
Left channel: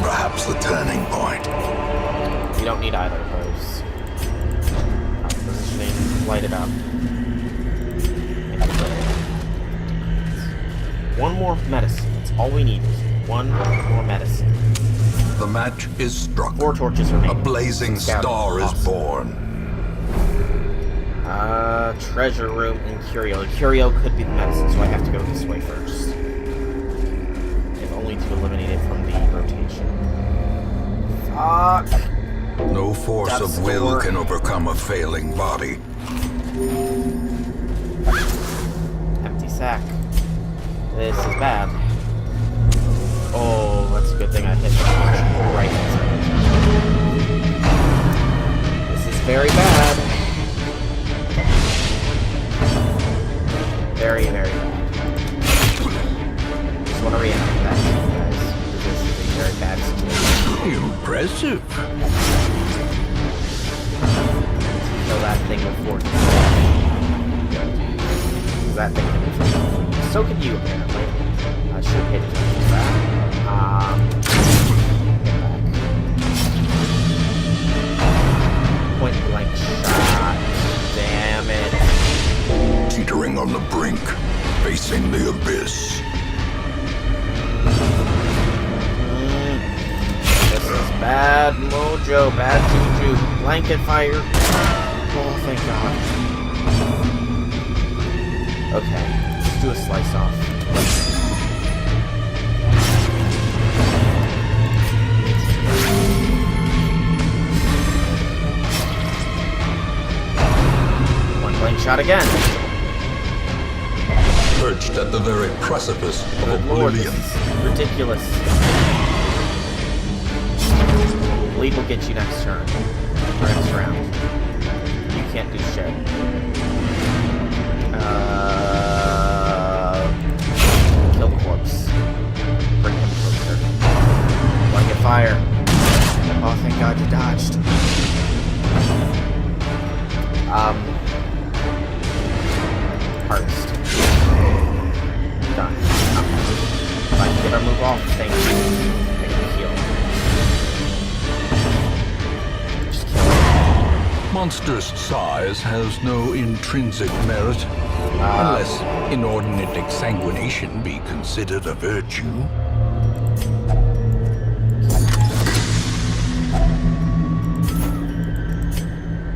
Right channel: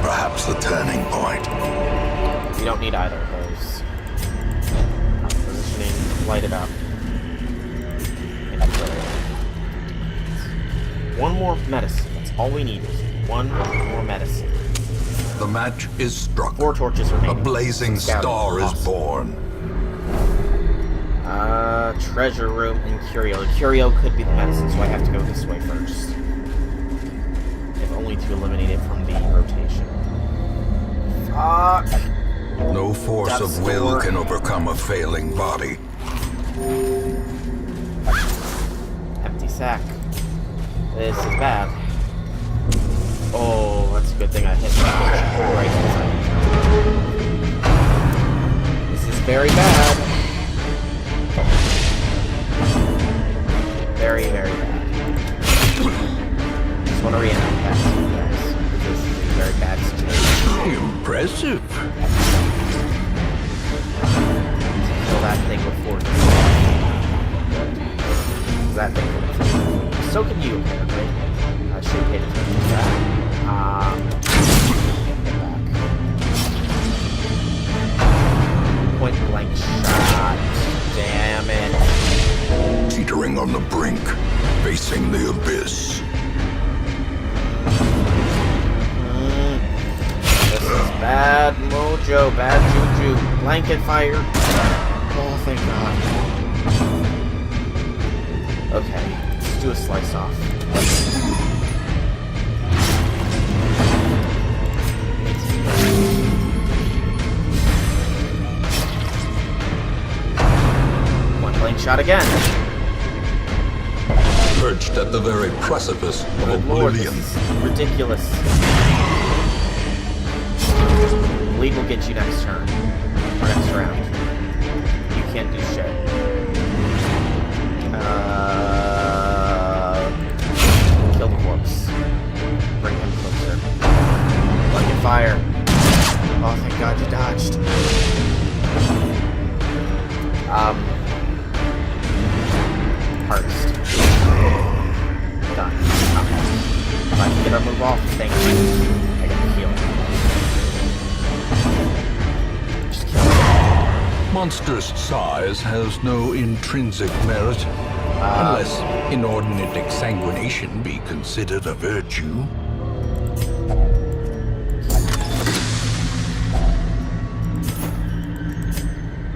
Perhaps the turning point. You don't need either of those. Positioning, light it up. One more medicine. That's all we need is one more medicine. The match is struck. 4 torches remaining. A blazing star is born. Treasure room and curio. The curio could be the medicine, so I have to go this way first. If only to eliminate it from the rotation. Fuck. No force Death's of will door. can overcome a failing body. Empty sack. This is bad. Oh, that's a good thing I hit that right inside the very bad. Very, very bad. Just want to reiterate that to you guys. This is a very bad situation. Impressive. Kill that thing with 4 Good. Because that thing can inflict. So can you, apparently. I should have paid attention to that. Get back. Point blank shot. Damn it. Teetering on the brink, facing the abyss. This is bad mojo, bad juju. Blanket fire. Oh, thank God. Okay, just do a slice off. One blank shot again. Perched at the very precipice of Good Lord, oblivion. this is ridiculous. Bleed will get you next turn. Or next round. You can't do shit. Kill the corpse. Bring him closer. Blanket fire. Oh, thank God you dodged. Harvest. Done. Okay. If I can get our move off, thank you. I get the heal. Just kill it. Monstrous size has no intrinsic merit, unless inordinate exsanguination be considered a virtue.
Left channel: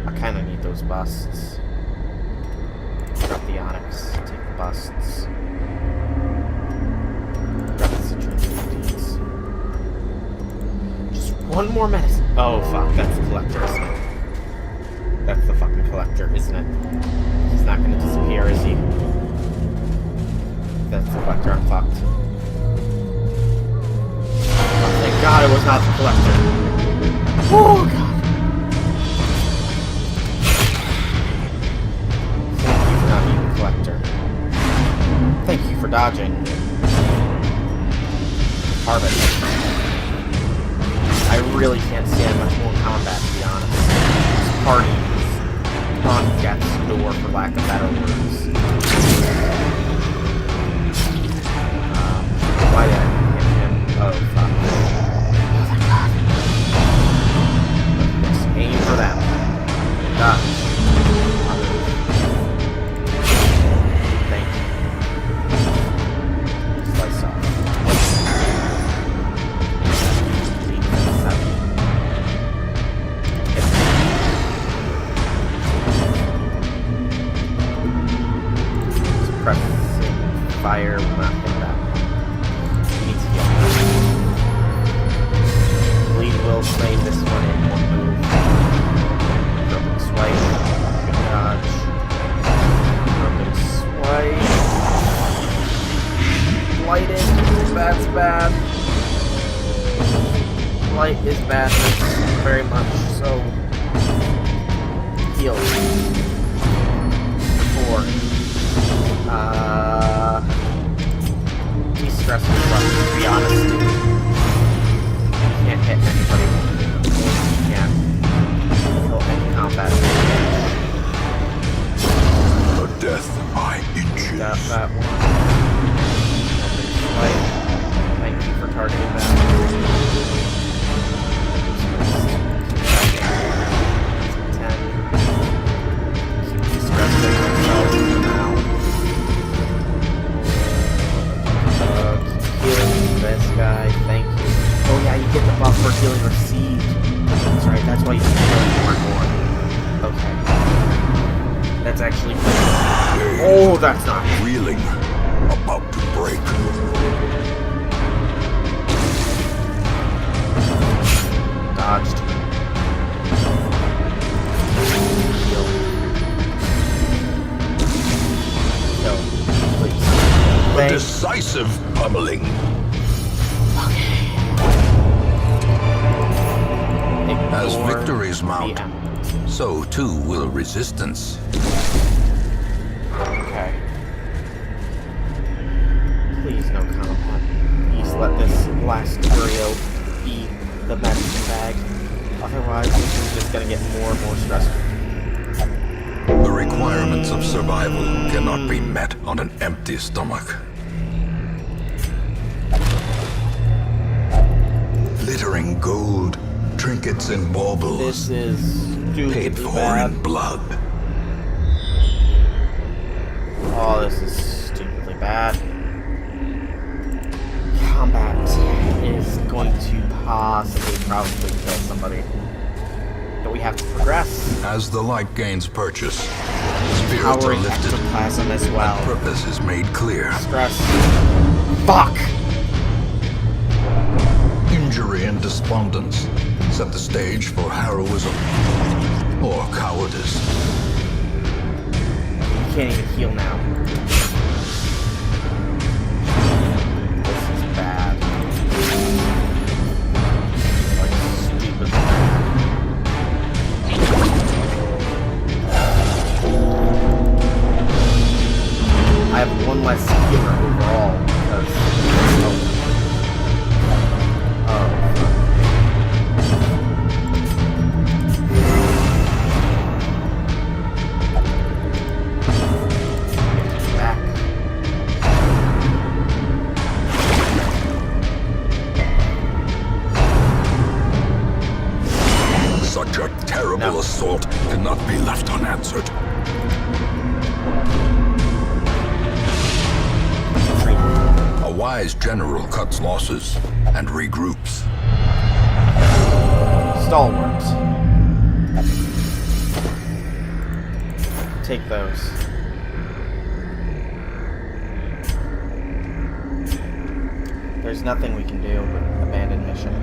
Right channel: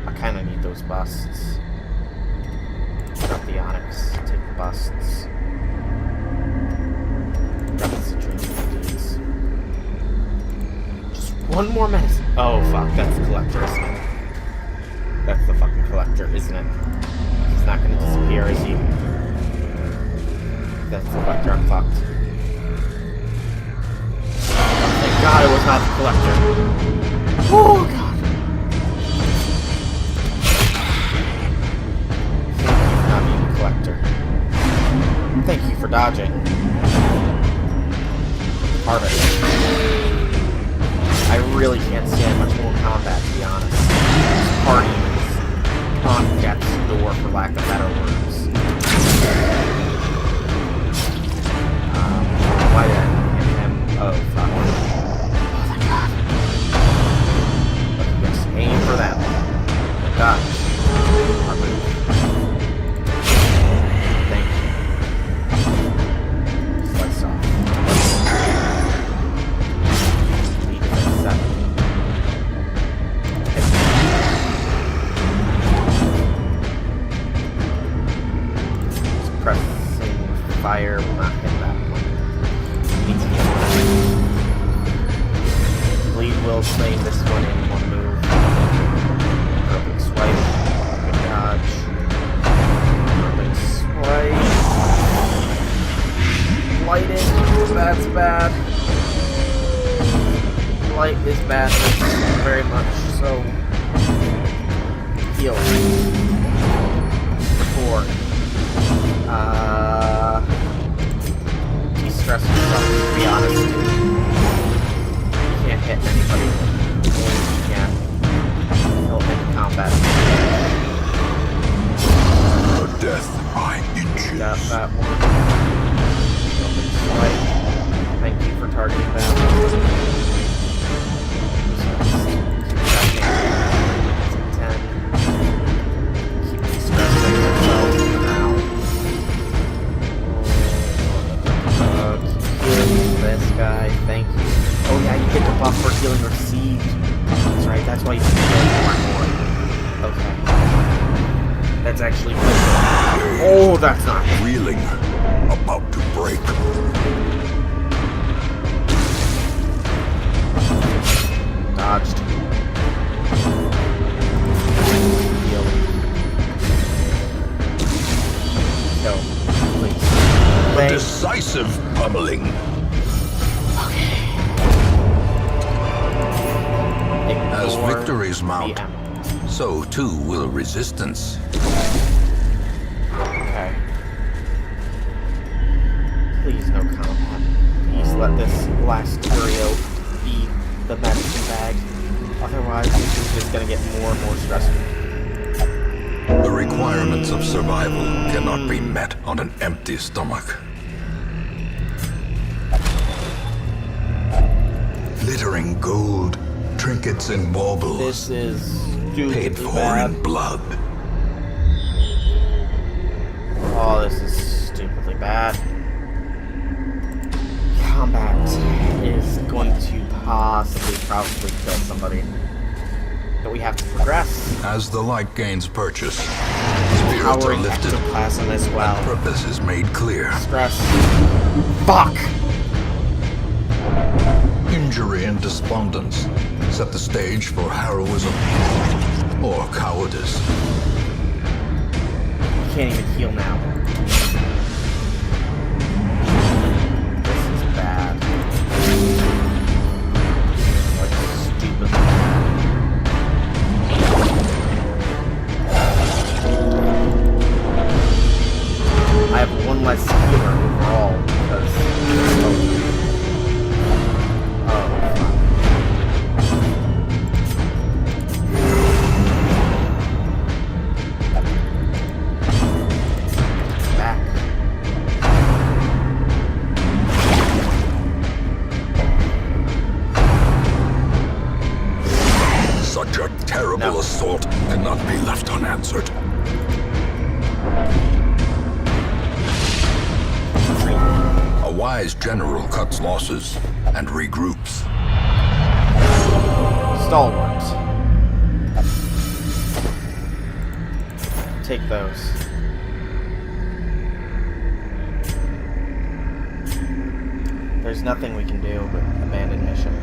I kind of need those busts. Drop the onyx. Take the busts. Drop the citrine deeds. Just one more medicine. Oh fuck, that's the collector, isn't it? That's the fucking collector, isn't it? He's not gonna disappear, is he? That's the collector, I'm fucked. Oh, thank God it was not the collector. Oh God. Thank you for not being the collector. Thank you for dodging. Harvest. I really can't stand much more combat, to be honest. This party is on death's door, for lack of better words. Why did I hit him? Oh, fuck. Oh, thank God. Okay, yes, aim for them. Good dodge. Our move. Thank you. Slice off. Lead is at 7. Suppressing fire will not hit that one. You need to get that. Bleed will claim this one in one move. Groping swipe. Good dodge. Groping swipe. Blighted. That's bad. Blight is badness. Very much so. Heal. For 4. De-stress yourself, to be honest. You can't hit anybody. Only you can. Kill any combat. A death by inches. Got that one. Open swipe. Thank you for targeting that. Who's next? Keep attacking. It's a 10. Keep de-stressing yourself for now. Keep healing this guy. Thank you. Oh yeah, you get the buff for healing received. That's right, that's why you keep healing more and more. Okay. That's actually good. Oh, that's not good. Reeling, about to break. Dodged. Heal. Kill. Please. A Thank decisive pummeling. Okay. As Ignore victories mount, the ammo. So too will resistance. Okay. Please no combat. Please let this last Curio be the medicine bag. Otherwise, this is just gonna get more and more stressful. The requirements of survival cannot be met on an empty stomach. Glittering gold, trinkets and baubles. This is stupidly paid for bad. in blood. Oh, this is stupidly bad. Combat is going to probably kill somebody. But we have to progress. As the light gains purchase, spirits are Powering lifted, ectoplasm as well. and purpose is made clear. Stress. Fuck! Injury and despondence set the stage for heroism or cowardice. You can't even heal now. This is bad. Like, stupidly bad. I have one less healer overall because... Oh, fuck. Back. Such a terrible assault cannot be left unanswered. A wise general cuts losses and regroups. Stalwart. Take those. There's nothing we can do but abandon mission.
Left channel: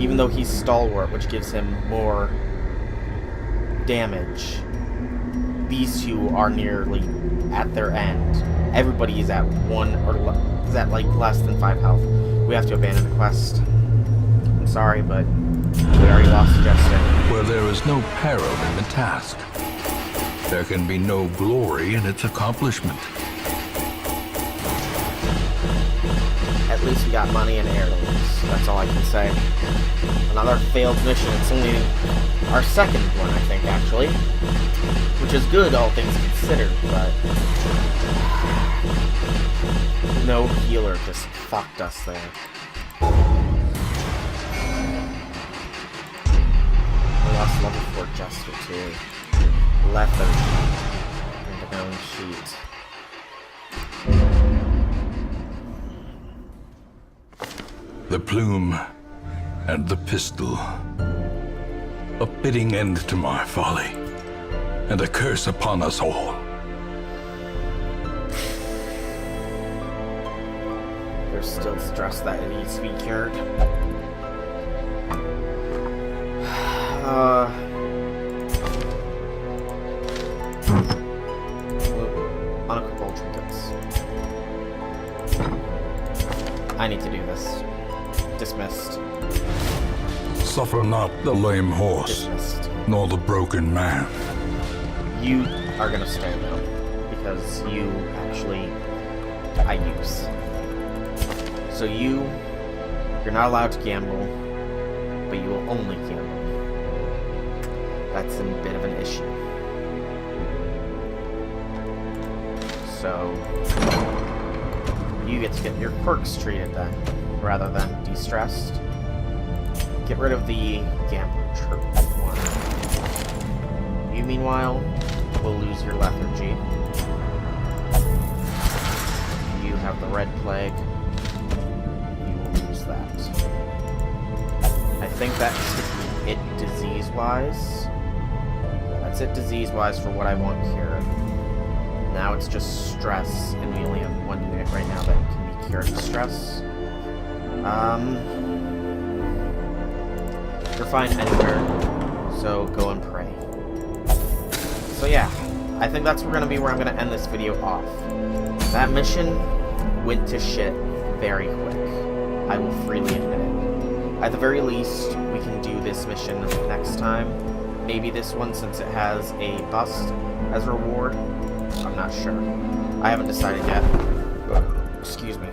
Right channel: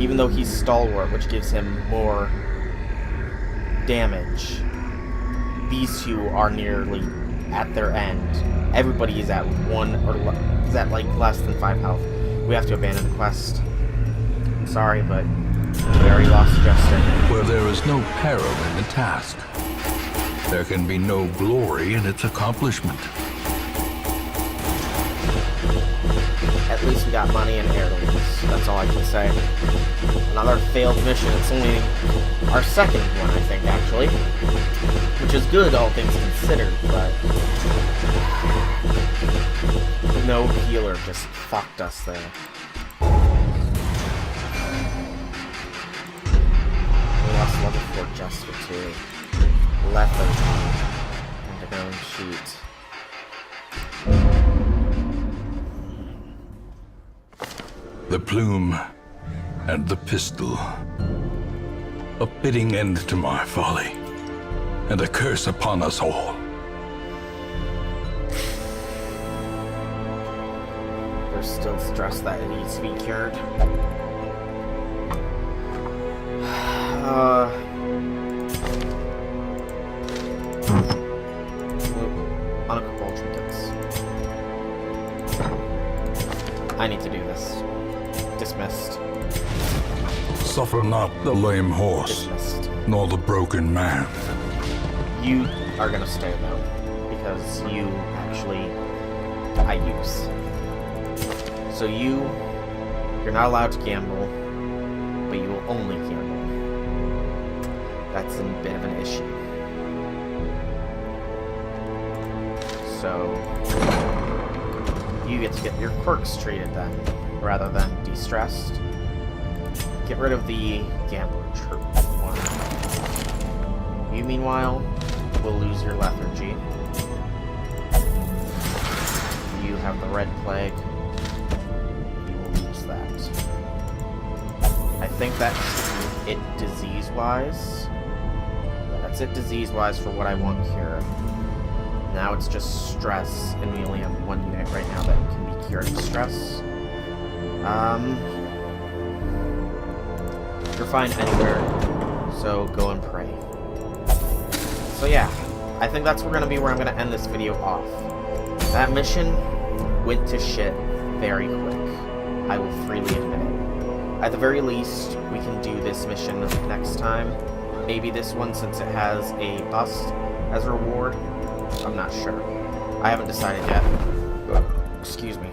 Even though he's stalwart, which gives him more damage, these two are nearly at their end. Everybody is at like less than 5 health. We have to abandon the quest. I'm sorry, but we already lost Jester. Where there is no peril in the task, there can be no glory in its accomplishment. At least we got money and heirlooms. That's all I can say. Another failed mission. It's only our second one, I think, actually. Which is good, all things considered, but... no healer just fucked us there. We lost level 4 Jester, too. Lethargy. And a known sheet. The plume and the pistol. A fitting end to my folly, and a curse upon us all. There's still stress that needs to be cured. Unequipable trinkets. I need to do this. Dismissed. Suffer not the lame horse, Dismissed. nor the broken man. You are gonna stay though, because you actually I use. So you're not allowed to gamble, but you will only gamble. That's a bit of an issue. So you get to get your quirks treated then, rather than de-stressed. Get rid of the gambler troop one. You, meanwhile, will lose your lethargy. You have the red plague. You will lose that. I think that should be it disease-wise. That's it disease-wise for what I want cured. Now it's just stress, and we only have one unit right now that can be cured of stress. You're fine anywhere, so go and pray. So yeah, I think that's where I'm going to end this video off. That mission went to shit very quick. I will freely admit it. At the very least, we can do this mission next time. Maybe this one, since it has a bust as a reward. I'm not sure. I haven't decided yet. Excuse me.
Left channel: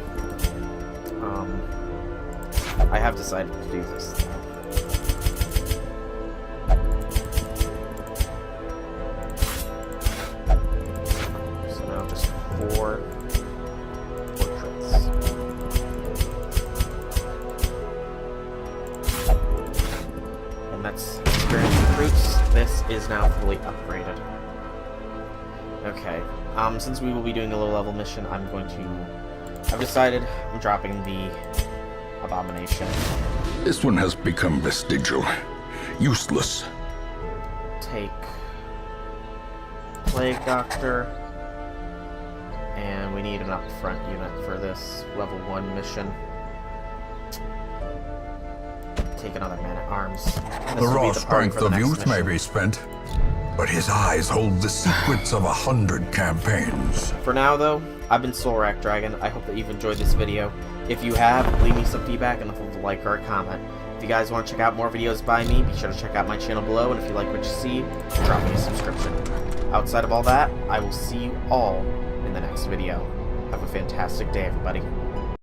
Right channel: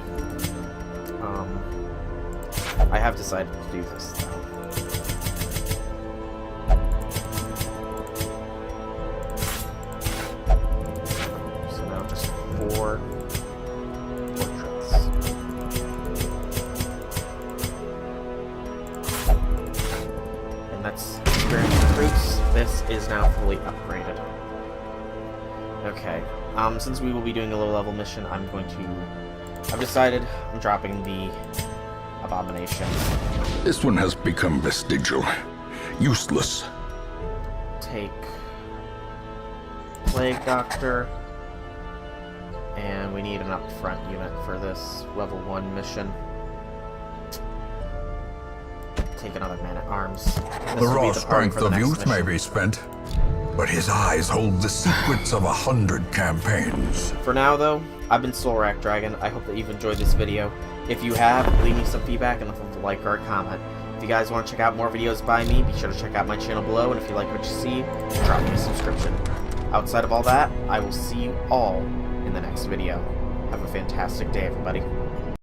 I have decided to do this, though. So now just 4 portraits. And that's experience recruits. This is now fully upgraded. Okay. Since we will be doing a low-level mission, I've decided I'm dropping the Abomination. This one has become vestigial. Useless. Take Plague Doctor. And we need an up-front unit for this level 1 mission. Take another Man-at-Arms. The raw strength of youth may be spent, but his eyes hold the secrets of 100 campaigns. For now, though, I've been Solrak Dragon. I hope that you've enjoyed this video. If you have, leave me some feedback and leave a like or a comment. If you guys want to check out more videos by me, be sure to check out my channel below, and if you like what you see, drop me a subscription. Outside of all that, I will see you all in the next video. Have a fantastic day, everybody.